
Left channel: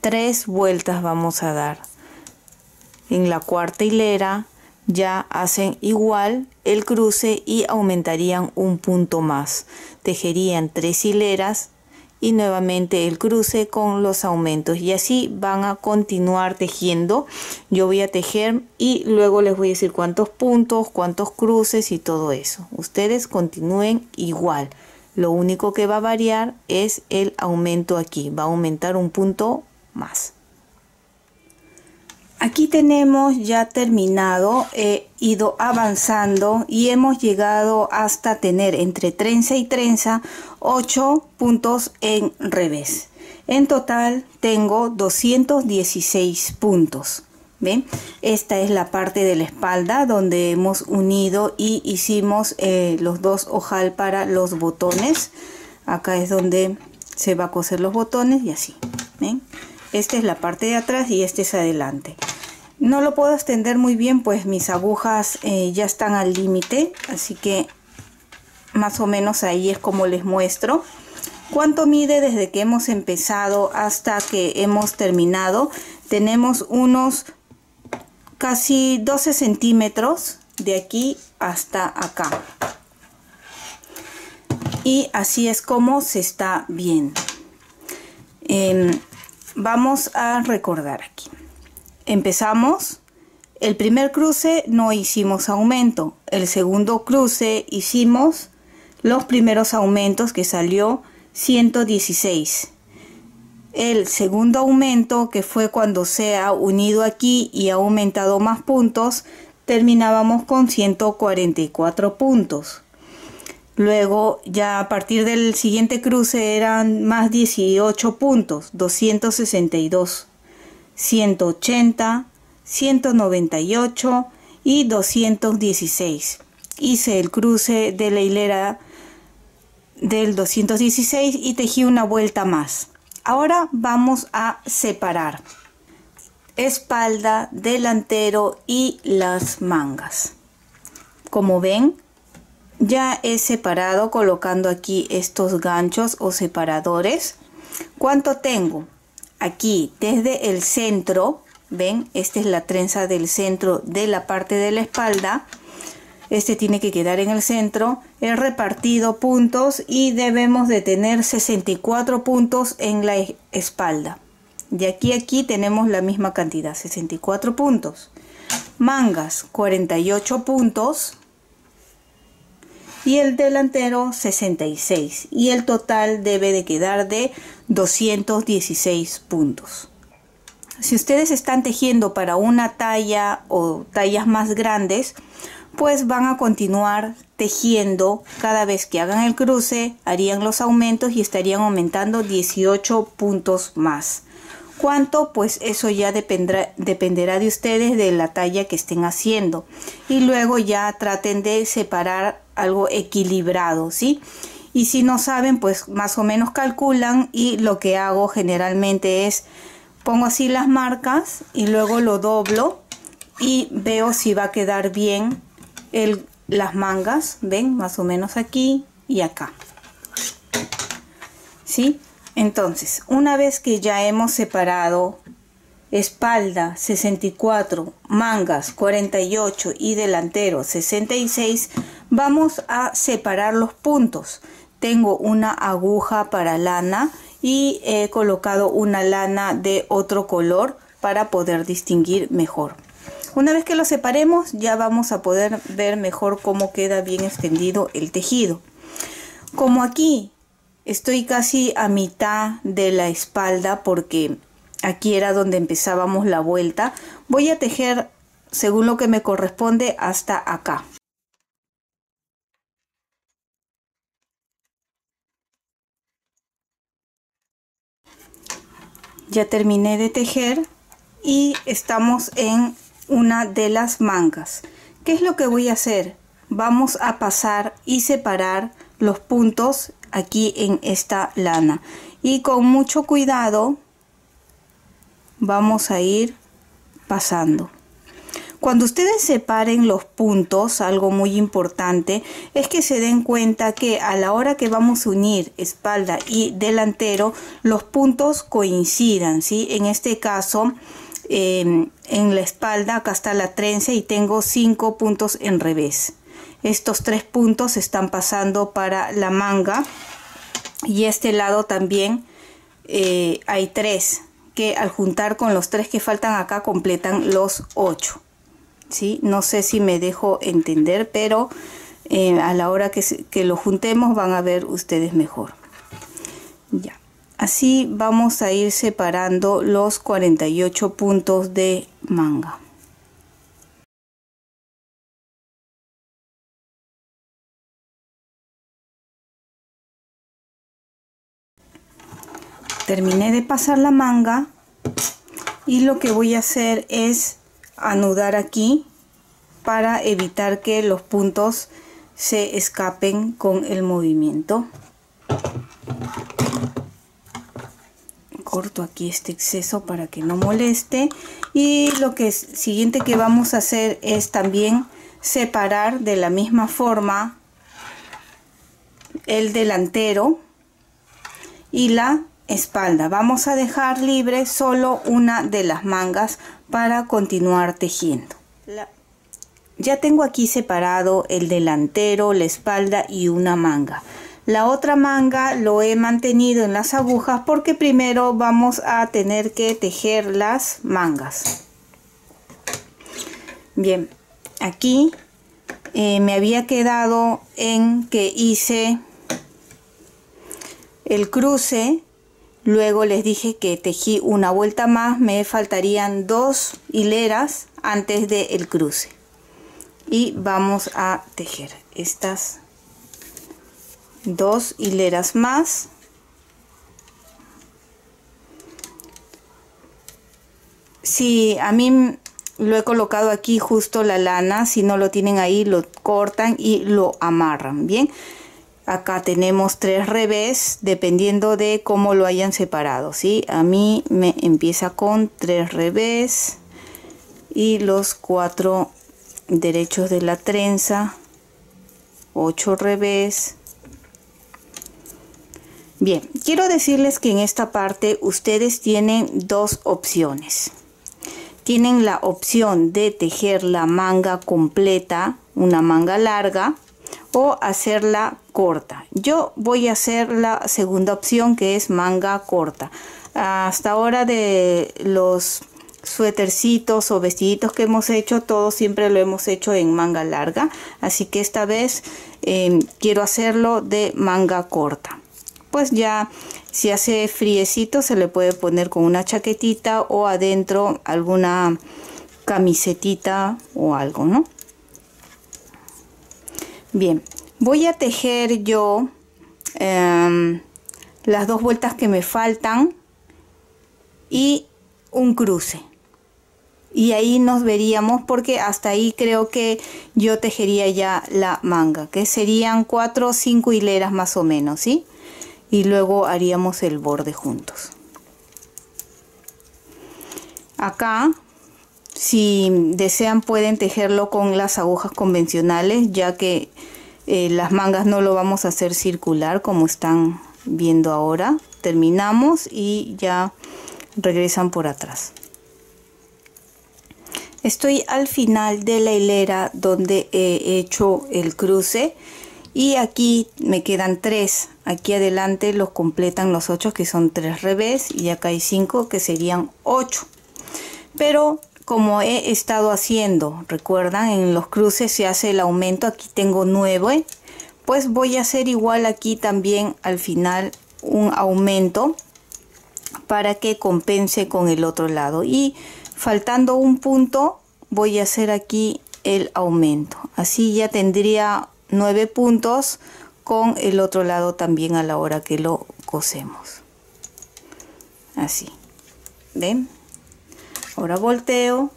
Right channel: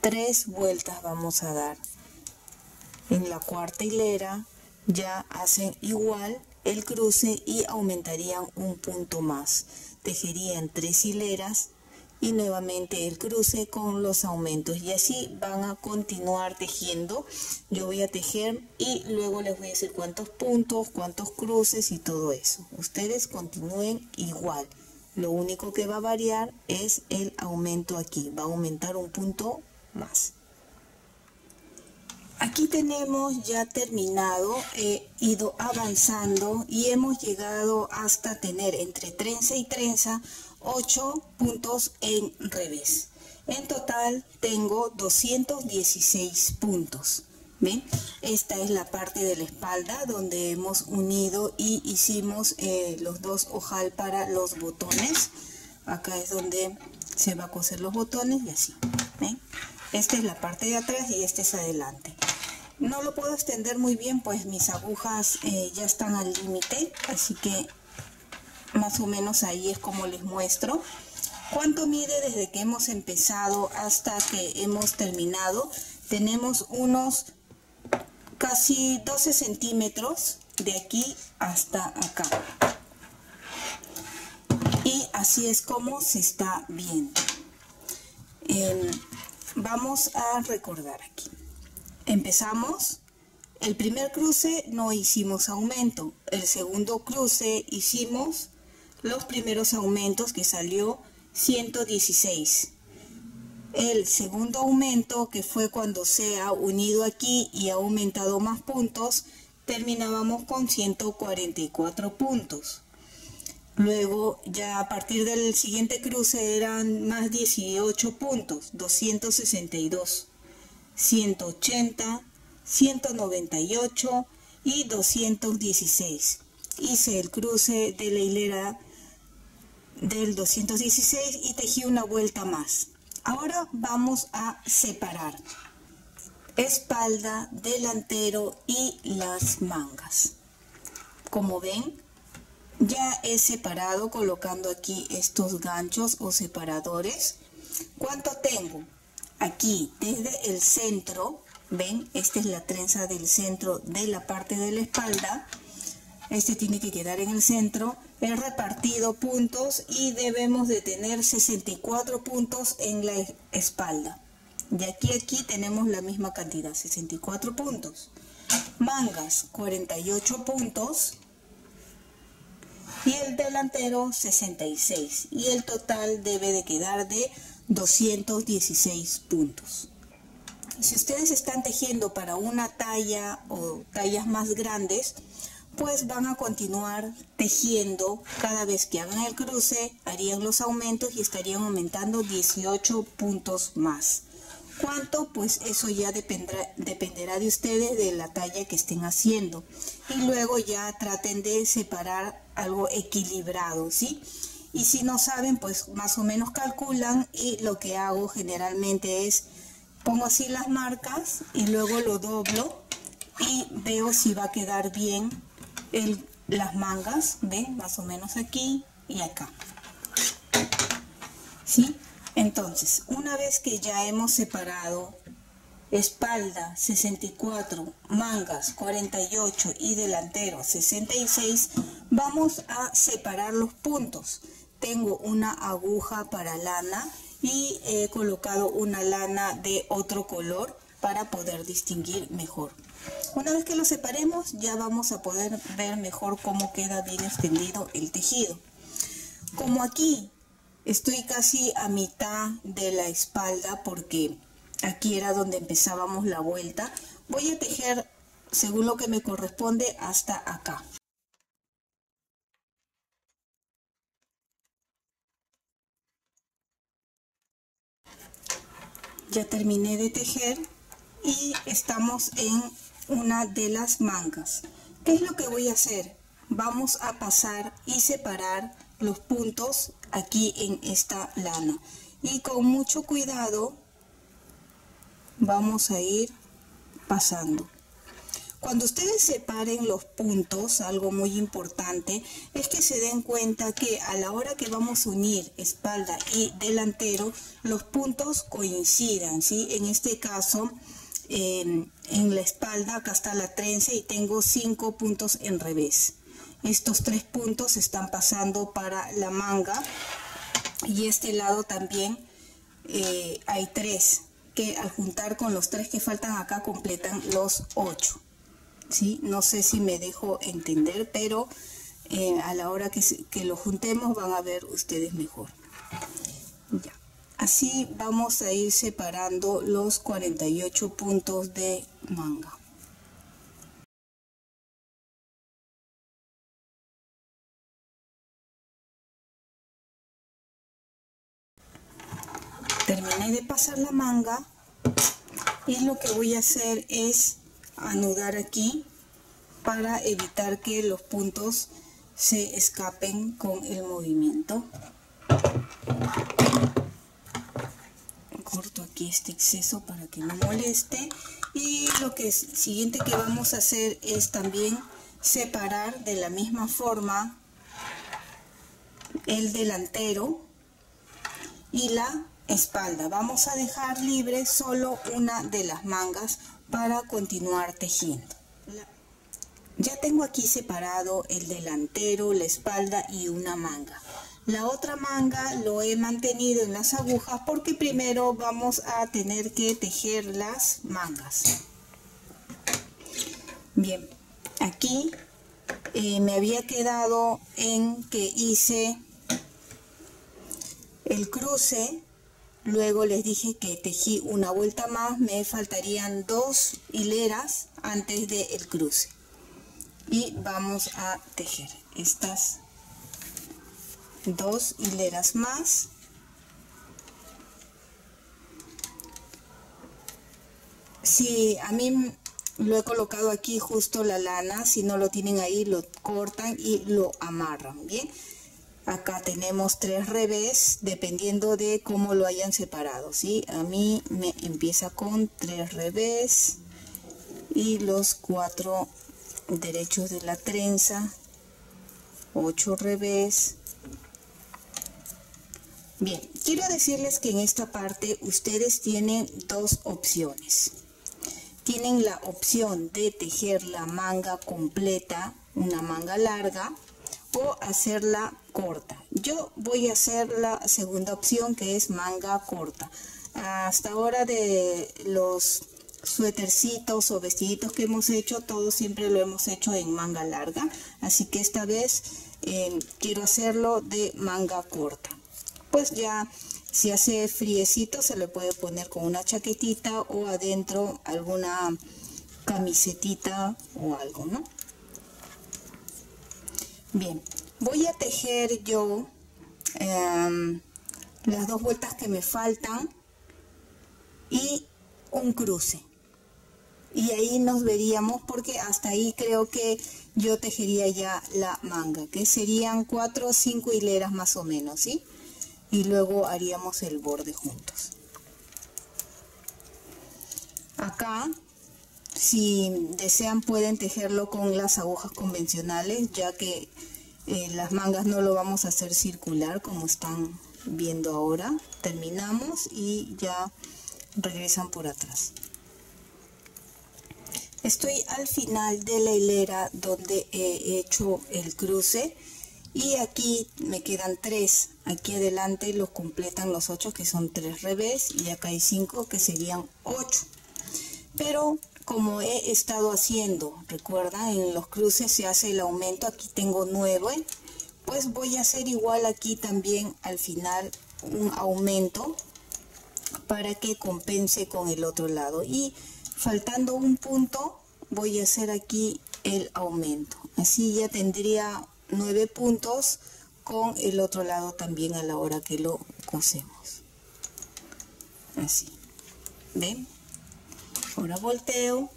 3 vueltas vamos a dar. En la cuarta hilera ya hacen igual el cruce y aumentarían un punto más. Tejerían 3 hileras y nuevamente el cruce con los aumentos, y así van a continuar tejiendo. Yo voy a tejer y luego les voy a decir cuántos puntos, cuántos cruces y todo eso. Ustedes continúen igual. Lo único que va a variar es el aumento aquí. Va a aumentar un punto más. Aquí tenemos ya terminado, he ido avanzando y hemos llegado hasta tener entre trenza y trenza 8 puntos en revés. En total tengo 216 puntos. ¿Ven? Esta es la parte de la espalda donde hemos unido y hicimos los 2 ojal para los botones. Acá es donde se va a coser los botones y así. ¿Ven? Esta es la parte de atrás y este es adelante. No lo puedo extender muy bien, pues mis agujas ya están al límite, así que más o menos ahí es como les muestro. ¿Cuánto mide desde que hemos empezado hasta que hemos terminado? Tenemos unos casi 12 centímetros de aquí hasta acá. Y así es como se está viendo. Vamos a recordar aquí. Empezamos, el primer cruce no hicimos aumento, el segundo cruce hicimos los primeros aumentos que salió 116. el segundo aumento, que fue cuando se ha unido aquí y ha aumentado más puntos, terminábamos con 144 puntos. Luego ya a partir del siguiente cruce eran más 18 puntos, 262, 180, 198 y 216. Hice el cruce de la hilera del 216 y tejí una vuelta más. Ahora vamos a separar espalda, delantero y las mangas. Como ven, ya he separado colocando aquí estos ganchos o separadores. ¿Cuánto tengo? Aquí desde el centro, ven, esta es la trenza del centro de la parte de la espalda. Este tiene que quedar en el centro. He repartido puntos y debemos de tener 64 puntos en la espalda. De aquí a aquí tenemos la misma cantidad, 64 puntos. Mangas, 48 puntos. Y el delantero, 66. Y el total debe de quedar de 216 puntos. Si ustedes están tejiendo para una talla o tallas más grandes, pues van a continuar tejiendo. Cada vez que hagan el cruce, harían los aumentos y estarían aumentando 18 puntos más. ¿Cuánto? Pues eso ya dependerá de ustedes, de la talla que estén haciendo. Y luego ya traten de separar algo equilibrado, ¿sí? Y si no saben, pues más o menos calculan, y lo que hago generalmente es pongo así las marcas y luego lo doblo y veo si va a quedar bien las mangas, ven, más o menos aquí y acá, ¿sí? Entonces, una vez que ya hemos separado espalda 64, mangas 48 y delantero 66, vamos a separar los puntos. Tengo una aguja para lana y he colocado una lana de otro color para poder distinguir mejor. Una vez que lo separemos, ya vamos a poder ver mejor cómo queda bien extendido el tejido. Como aquí estoy casi a mitad de la espalda, porque aquí era donde empezábamos la vuelta, voy a tejer según lo que me corresponde hasta acá. Ya terminé de tejer y estamos en una de las mangas. ¿Qué es lo que voy a hacer? Vamos a pasar y separar los puntos aquí en esta lana, y con mucho cuidado vamos a ir pasando. Cuando ustedes separen los puntos, algo muy importante es que se den cuenta que a la hora que vamos a unir espalda y delantero, los puntos coincidan, ¿sí? En este caso, en la espalda, acá está la trenza y tengo 5 puntos en revés. Estos 3 puntos están pasando para la manga, y este lado también hay 3, que al juntar con los 3 que faltan acá completan los 8. ¿Sí? No sé si me dejo entender, pero a la hora que lo juntemos van a ver ustedes mejor. Ya. Así vamos a ir separando los 48 puntos de manga. Terminé de pasar la manga y lo que voy a hacer es anudar aquí para evitar que los puntos se escapen con el movimiento. Corto aquí este exceso para que no moleste, y lo que siguiente que vamos a hacer es también separar de la misma forma el delantero y la espalda. Vamos a dejar libre solo una de las mangas para continuar tejiendo. Ya tengo aquí separado el delantero, la espalda y una manga. La otra manga lo he mantenido en las agujas porque primero vamos a tener que tejer las mangas. Bien, aquí me había quedado en que hice el cruce, Luego les dije que tejí una vuelta más, me faltarían 2 hileras antes del cruce. Y vamos a tejer estas 2 hileras más. Si a mí lo he colocado aquí justo la lana, si no lo tienen ahí lo cortan y lo amarran, bien. Acá tenemos 3 revés dependiendo de cómo lo hayan separado, ¿sí? A mí me empieza con 3 revés y los 4 derechos de la trenza, 8 revés. Bien, quiero decirles que en esta parte ustedes tienen 2 opciones. Tienen la opción de tejer la manga completa, una manga larga, o hacerla corta. Yo voy a hacer la segunda opción, que es manga corta. Hasta ahora de los suétercitos o vestiditos que hemos hecho, todo siempre lo hemos hecho en manga larga, así que esta vez quiero hacerlo de manga corta. Pues ya si hace friecito se le puede poner con una chaquetita o adentro alguna camisetita o algo, ¿no? Bien, voy a tejer yo las 2 vueltas que me faltan y un cruce. Y ahí nos veríamos, porque hasta ahí creo que yo tejería ya la manga, que serían 4 o 5 hileras más o menos, ¿sí? Y luego haríamos el borde juntos. Acá, si desean, pueden tejerlo con las agujas convencionales, ya que las mangas no lo vamos a hacer circular como están viendo ahora. Terminamos y ya regresan por atrás. Estoy al final de la hilera donde he hecho el cruce y aquí me quedan 3. Aquí adelante los completan los 8, que son 3 revés, y acá hay 5 que serían 8. Pero como he estado haciendo, recuerdan, en los cruces se hace el aumento, aquí tengo 9, pues voy a hacer igual aquí también al final un aumento para que compense con el otro lado, y faltando un punto voy a hacer aquí el aumento. Así ya tendría 9 puntos con el otro lado también a la hora que lo cosemos. Así, ¿ven? Ahora volteo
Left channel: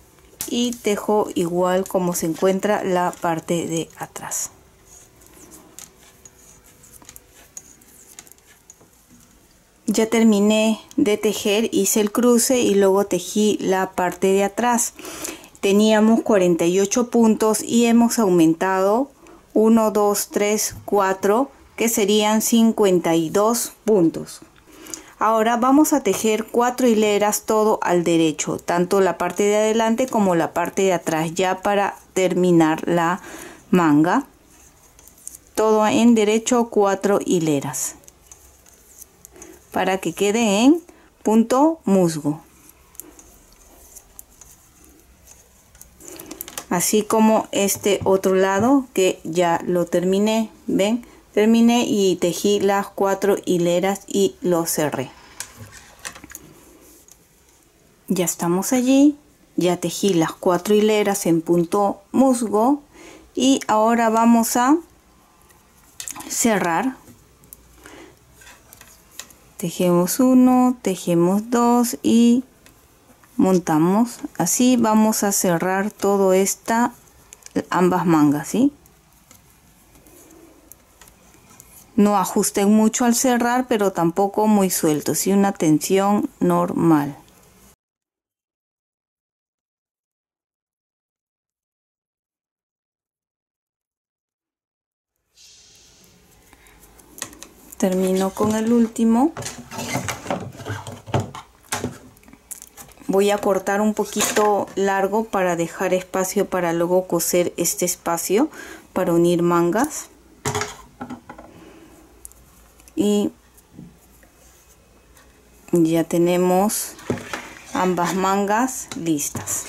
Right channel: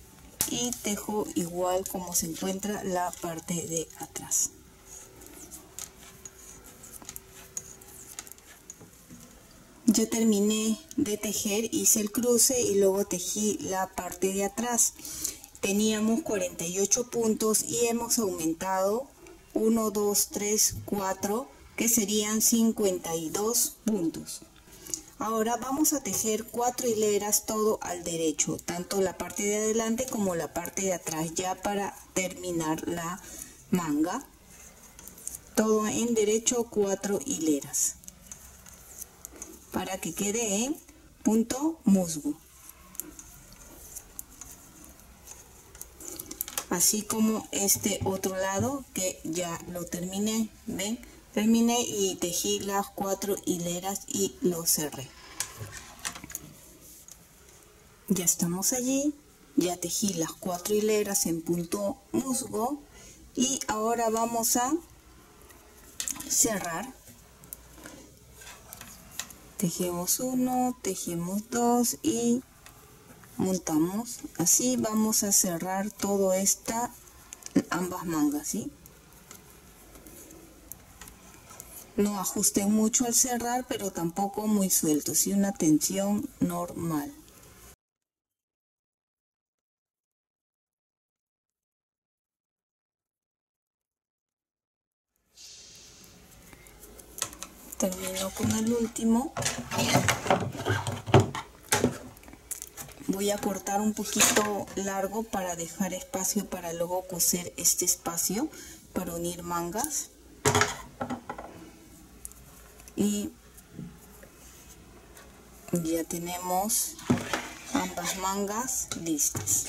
y tejo igual como se encuentra la parte de atrás. Ya terminé de tejer, hice el cruce y luego tejí la parte de atrás. Teníamos 48 puntos y hemos aumentado 1, 2, 3, 4, que serían 52 puntos. Ahora vamos a tejer 4 hileras todo al derecho, tanto la parte de adelante como la parte de atrás, ya para terminar la manga. Todo en derecho, 4 hileras, para que quede en punto musgo. Así como este otro lado que ya lo terminé, ven, terminé y tejí las 4 hileras y lo cerré. Ya estamos allí, ya tejí las 4 hileras en punto musgo y ahora vamos a cerrar. Tejemos 1, tejemos 2 y montamos. Así vamos a cerrar todo ambas mangas, ¿sí? No ajusten mucho al cerrar, pero tampoco muy suelto, ¿sí? Una tensión normal. Termino con el último. Voy a cortar un poquito largo para dejar espacio para luego coser este espacio para unir mangas. Y ya tenemos ambas mangas listas.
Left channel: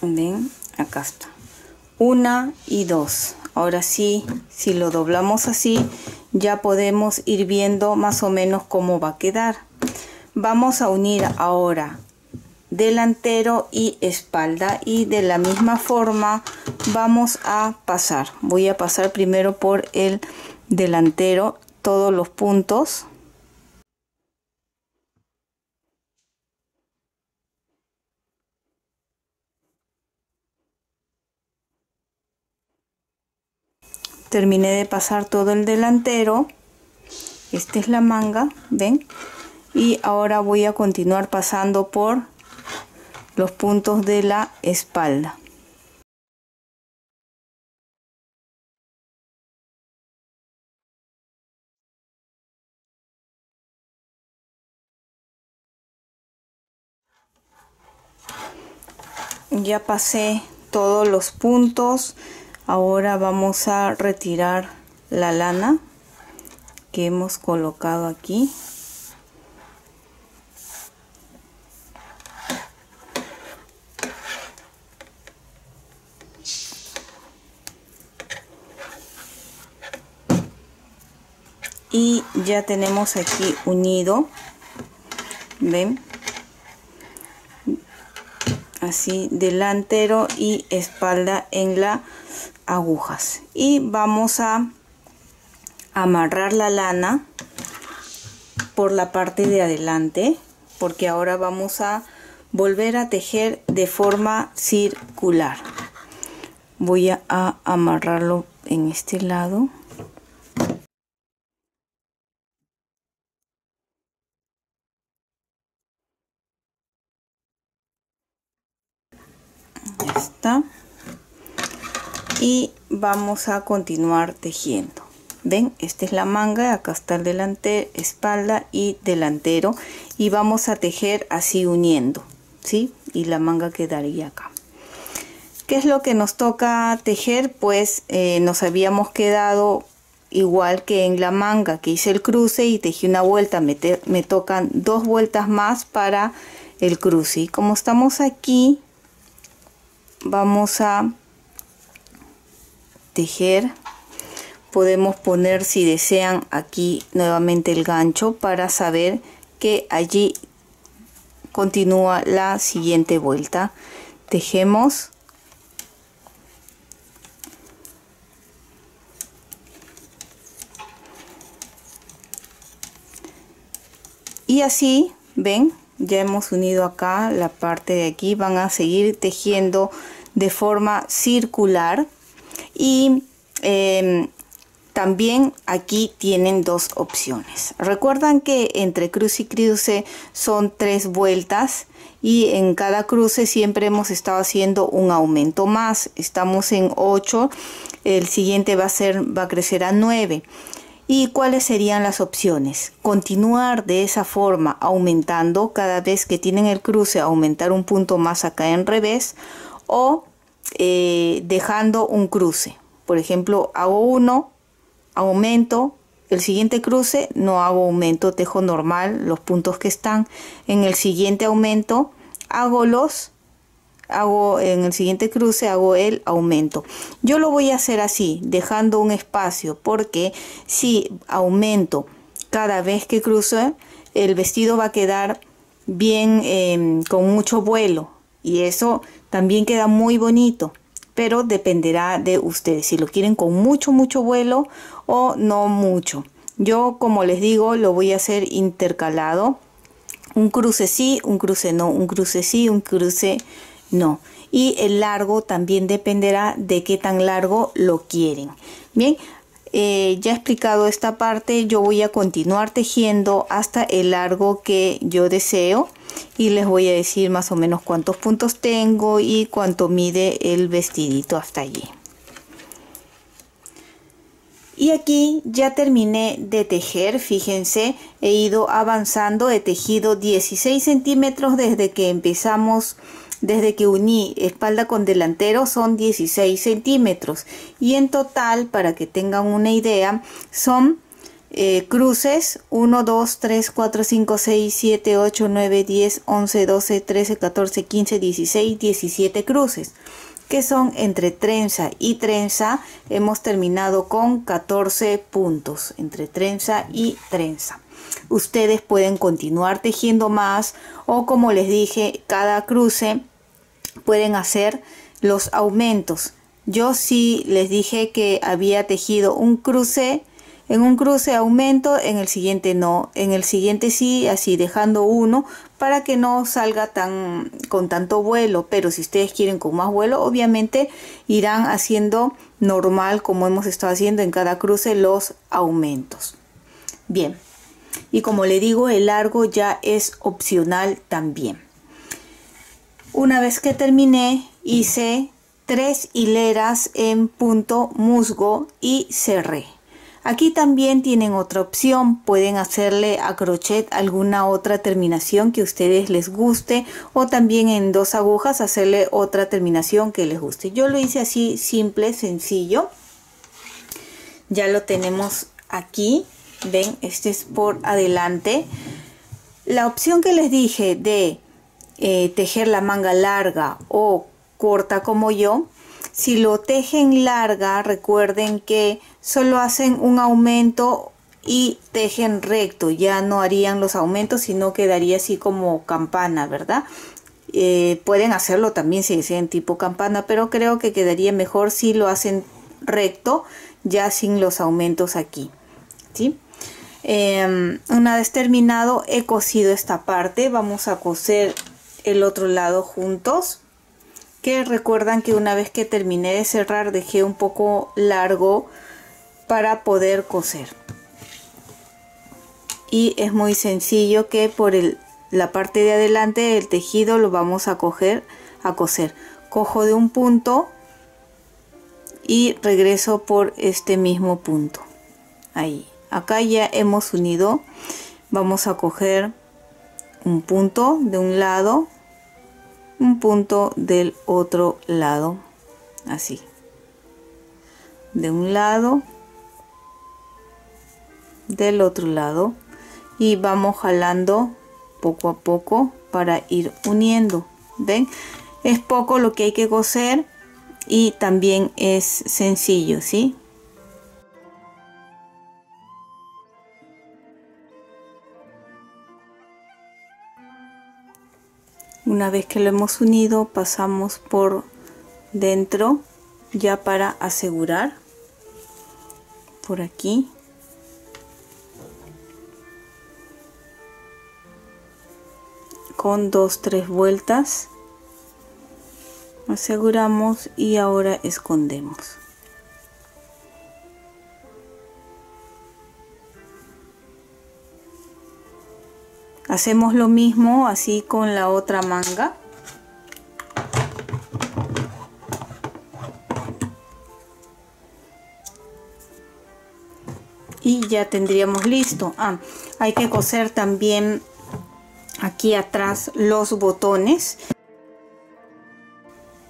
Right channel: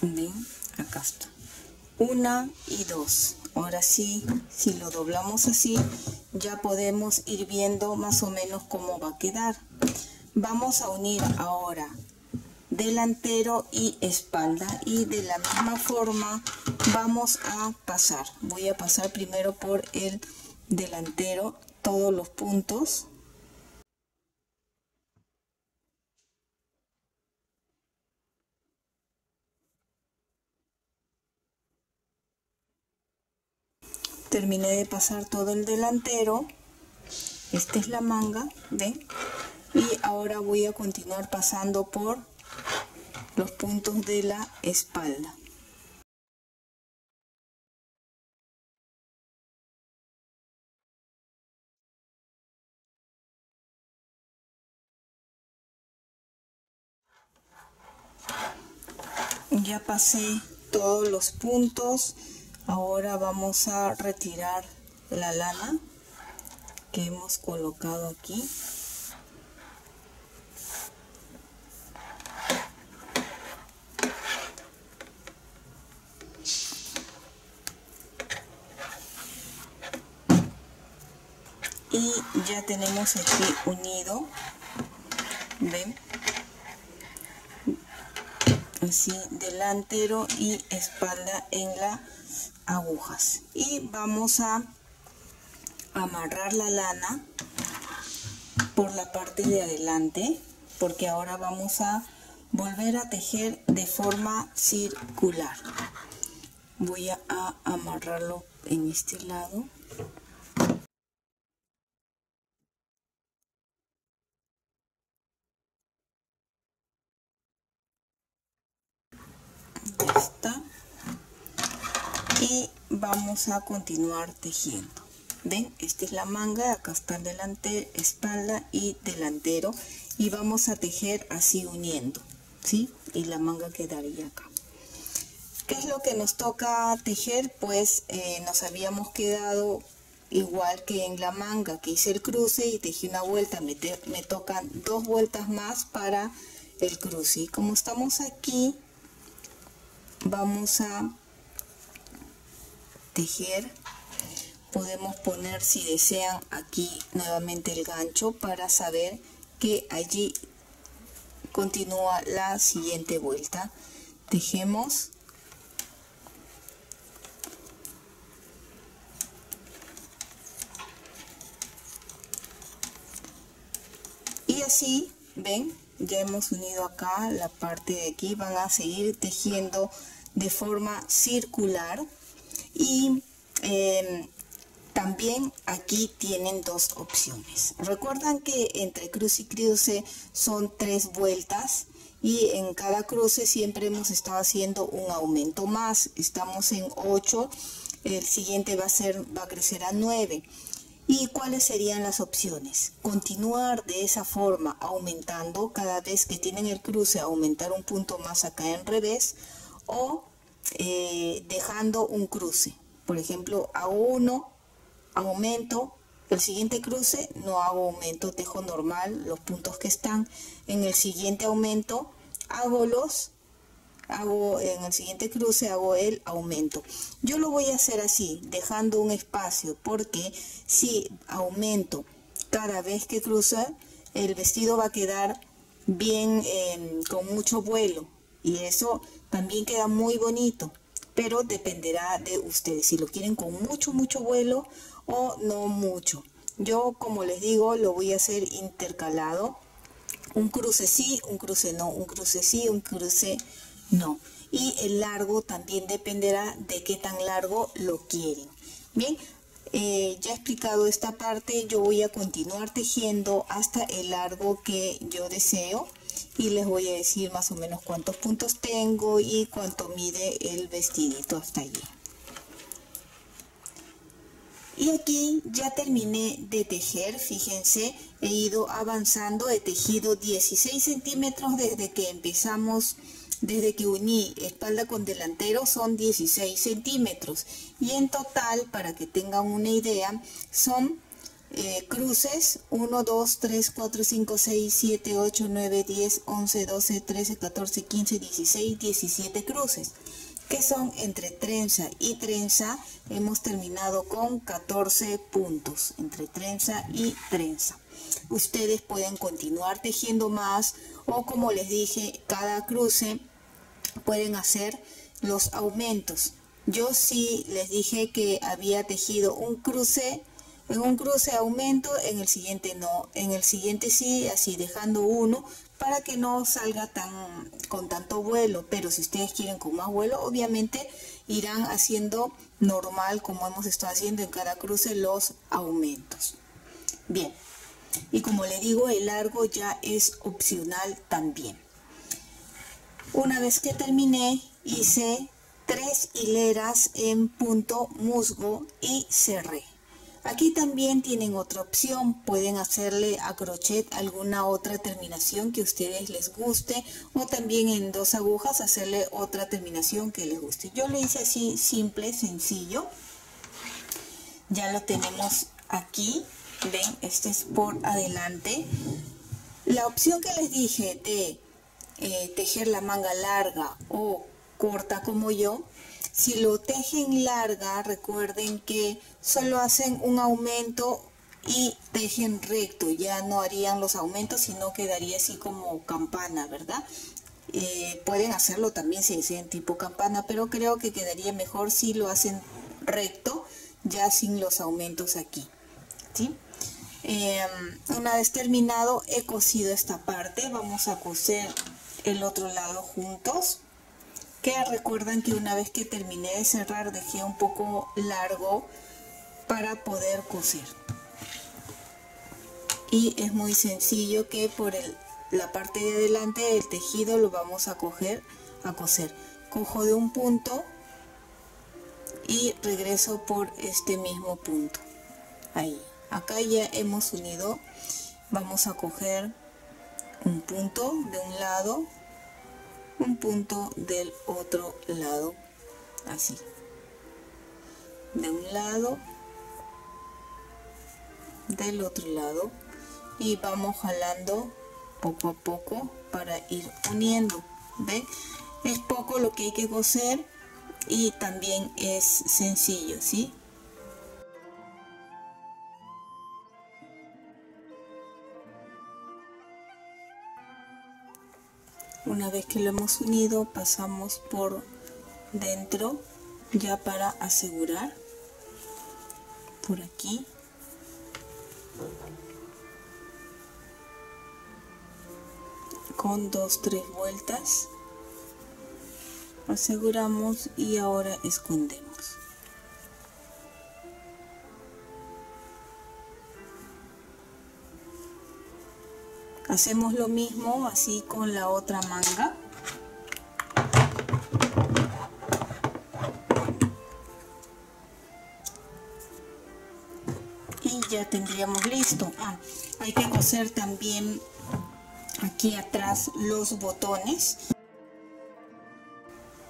Ven, acá está. 1 y 2. Ahora sí, si lo doblamos así, ya podemos ir viendo más o menos cómo va a quedar. Vamos a unir ahora delantero y espalda, y de la misma forma vamos a pasar. Voy a pasar primero por el delantero todos los puntos. Terminé de pasar todo el delantero. Esta es la manga, ¿ven? Y ahora voy a continuar pasando por los puntos de la espalda. Ya pasé todos los puntos. Ahora vamos a retirar la lana que hemos colocado aquí. Y ya tenemos aquí unido, ven, así delantero y espalda en las agujas. Y vamos a amarrar la lana por la parte de adelante, porque ahora vamos a volver a tejer de forma circular. Voy a amarrarlo en este lado. Ya está. Y vamos a continuar tejiendo. Ven, esta es la manga, acá está el delantero, espalda y delantero, y vamos a tejer así uniendo, ¿sí? Y la manga quedaría acá. ¿Qué es lo que nos toca tejer? Pues nos habíamos quedado igual que en la manga, que hice el cruce y tejí una vuelta. Me tocan 2 vueltas más para el cruce, y como estamos aquí vamos a tejer. Podemos poner, si desean, aquí nuevamente el gancho para saber que allí continúa la siguiente vuelta. Tejemos y así, ven, ya hemos unido acá la parte de aquí. Van a seguir tejiendo de forma circular. Y también aquí tienen 2 opciones. Recuerdan que entre cruce y cruce son 3 vueltas, y en cada cruce siempre hemos estado haciendo un aumento más. Estamos en 8, el siguiente va a crecer a 9. ¿Y cuáles serían las opciones? Continuar de esa forma, aumentando cada vez que tienen el cruce, aumentar un punto más acá en revés, o dejando un cruce. Por ejemplo, hago 1, aumento, el siguiente cruce no hago aumento, tejo normal los puntos que están. En el siguiente aumento en el siguiente cruce hago el aumento. Yo lo voy a hacer así, dejando un espacio, porque si aumento cada vez que cruzo, el vestido va a quedar bien, con mucho vuelo, y eso también queda muy bonito. Pero dependerá de ustedes si lo quieren con mucho vuelo o no mucho. Yo, como les digo, lo voy a hacer intercalado. Un cruce sí, un cruce no, un cruce sí, un cruce no. Y el largo también dependerá de qué tan largo lo quieren. Bien, ya he explicado esta parte. Yo voy a continuar tejiendo hasta el largo que yo deseo, y les voy a decir más o menos cuántos puntos tengo y cuánto mide el vestidito hasta allí. Y aquí ya terminé de tejer. Fíjense, he ido avanzando, he tejido 16 centímetros desde que empezamos. Desde que uní espalda con delantero son 16 centímetros, y en total, para que tengan una idea, son cruces 1, 2, 3, 4, 5, 6, 7, 8, 9, 10, 11, 12, 13, 14, 15, 16, 17 cruces. que son entre trenza y trenza. Hemos terminado con 14 puntos entre trenza y trenza. Ustedes pueden continuar tejiendo más, o como les dije, cada cruce pueden hacer los aumentos. Yo sí les dije que había tejido un cruce, en un cruce aumento, en el siguiente no, en el siguiente sí, así dejando uno para que no salga con tanto vuelo. Pero si ustedes quieren con más vuelo, obviamente irán haciendo normal, como hemos estado haciendo en cada cruce, los aumentos. Bien, y como le digo, el largo ya es opcional también. Una vez que terminé, hice 3 hileras en punto musgo y cerré. Aquí también tienen otra opción, pueden hacerle a crochet alguna otra terminación que a ustedes les guste, o también en 2 agujas hacerle otra terminación que les guste. Yo lo hice así, simple, sencillo. Ya lo tenemos aquí, ven, este es por adelante. La opción que les dije de tejer la manga larga o corta como yo, si lo tejen larga, recuerden que solo hacen un aumento y tejen recto, ya no harían los aumentos, sino quedaría así como campana, ¿verdad? Pueden hacerlo también si desean tipo campana, pero creo que quedaría mejor si lo hacen recto, ya sin los aumentos aquí, ¿sí? Una vez terminado, he cosido esta parte. Vamos a coser el otro lado juntos, que recuerdan que una vez que terminé de cerrar dejé un poco largo para poder coser. Y es muy sencillo que por la parte de adelante del tejido lo vamos a coser. Cojo de un punto y regreso por este mismo punto. Ahí, acá ya hemos unido. Vamos a coger un punto de un lado, un punto del otro lado, así, de un lado, del otro lado, y vamos jalando poco a poco para ir uniendo. Ven, es poco lo que hay que coser y también es sencillo, ¿sí? Una vez que lo hemos unido, pasamos por dentro ya para asegurar por aquí. Con 2-3 vueltas aseguramos y ahora escondemos. Hacemos lo mismo así con la otra manga. Y ya tendríamos listo. Hay que coser también aquí atrás los botones.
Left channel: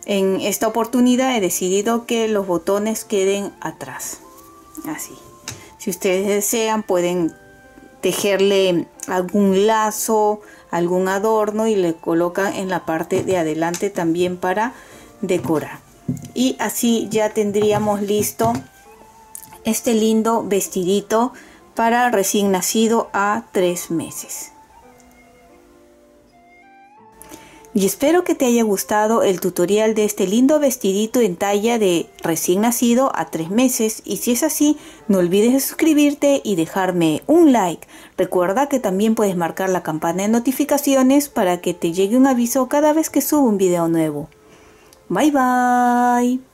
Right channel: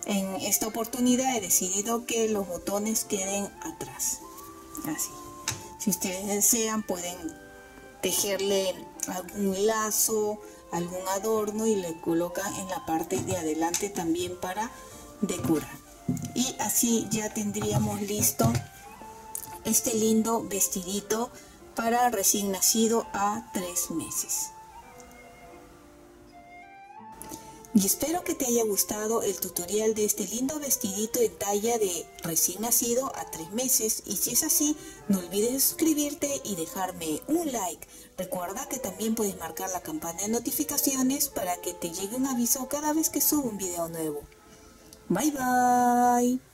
En esta oportunidad he decidido que los botones queden atrás. Así. Si ustedes desean, pueden tejerle algún lazo, algún adorno y le colocan en la parte de adelante también para decorar. Y así ya tendríamos listo este lindo vestidito para recién nacido a 3 meses. Y espero que te haya gustado el tutorial de este lindo vestidito en talla de recién nacido a 3 meses. Y si es así, no olvides de suscribirte y dejarme un like. Recuerda que también puedes marcar la campana de notificaciones para que te llegue un aviso cada vez que subo un video nuevo. Bye bye.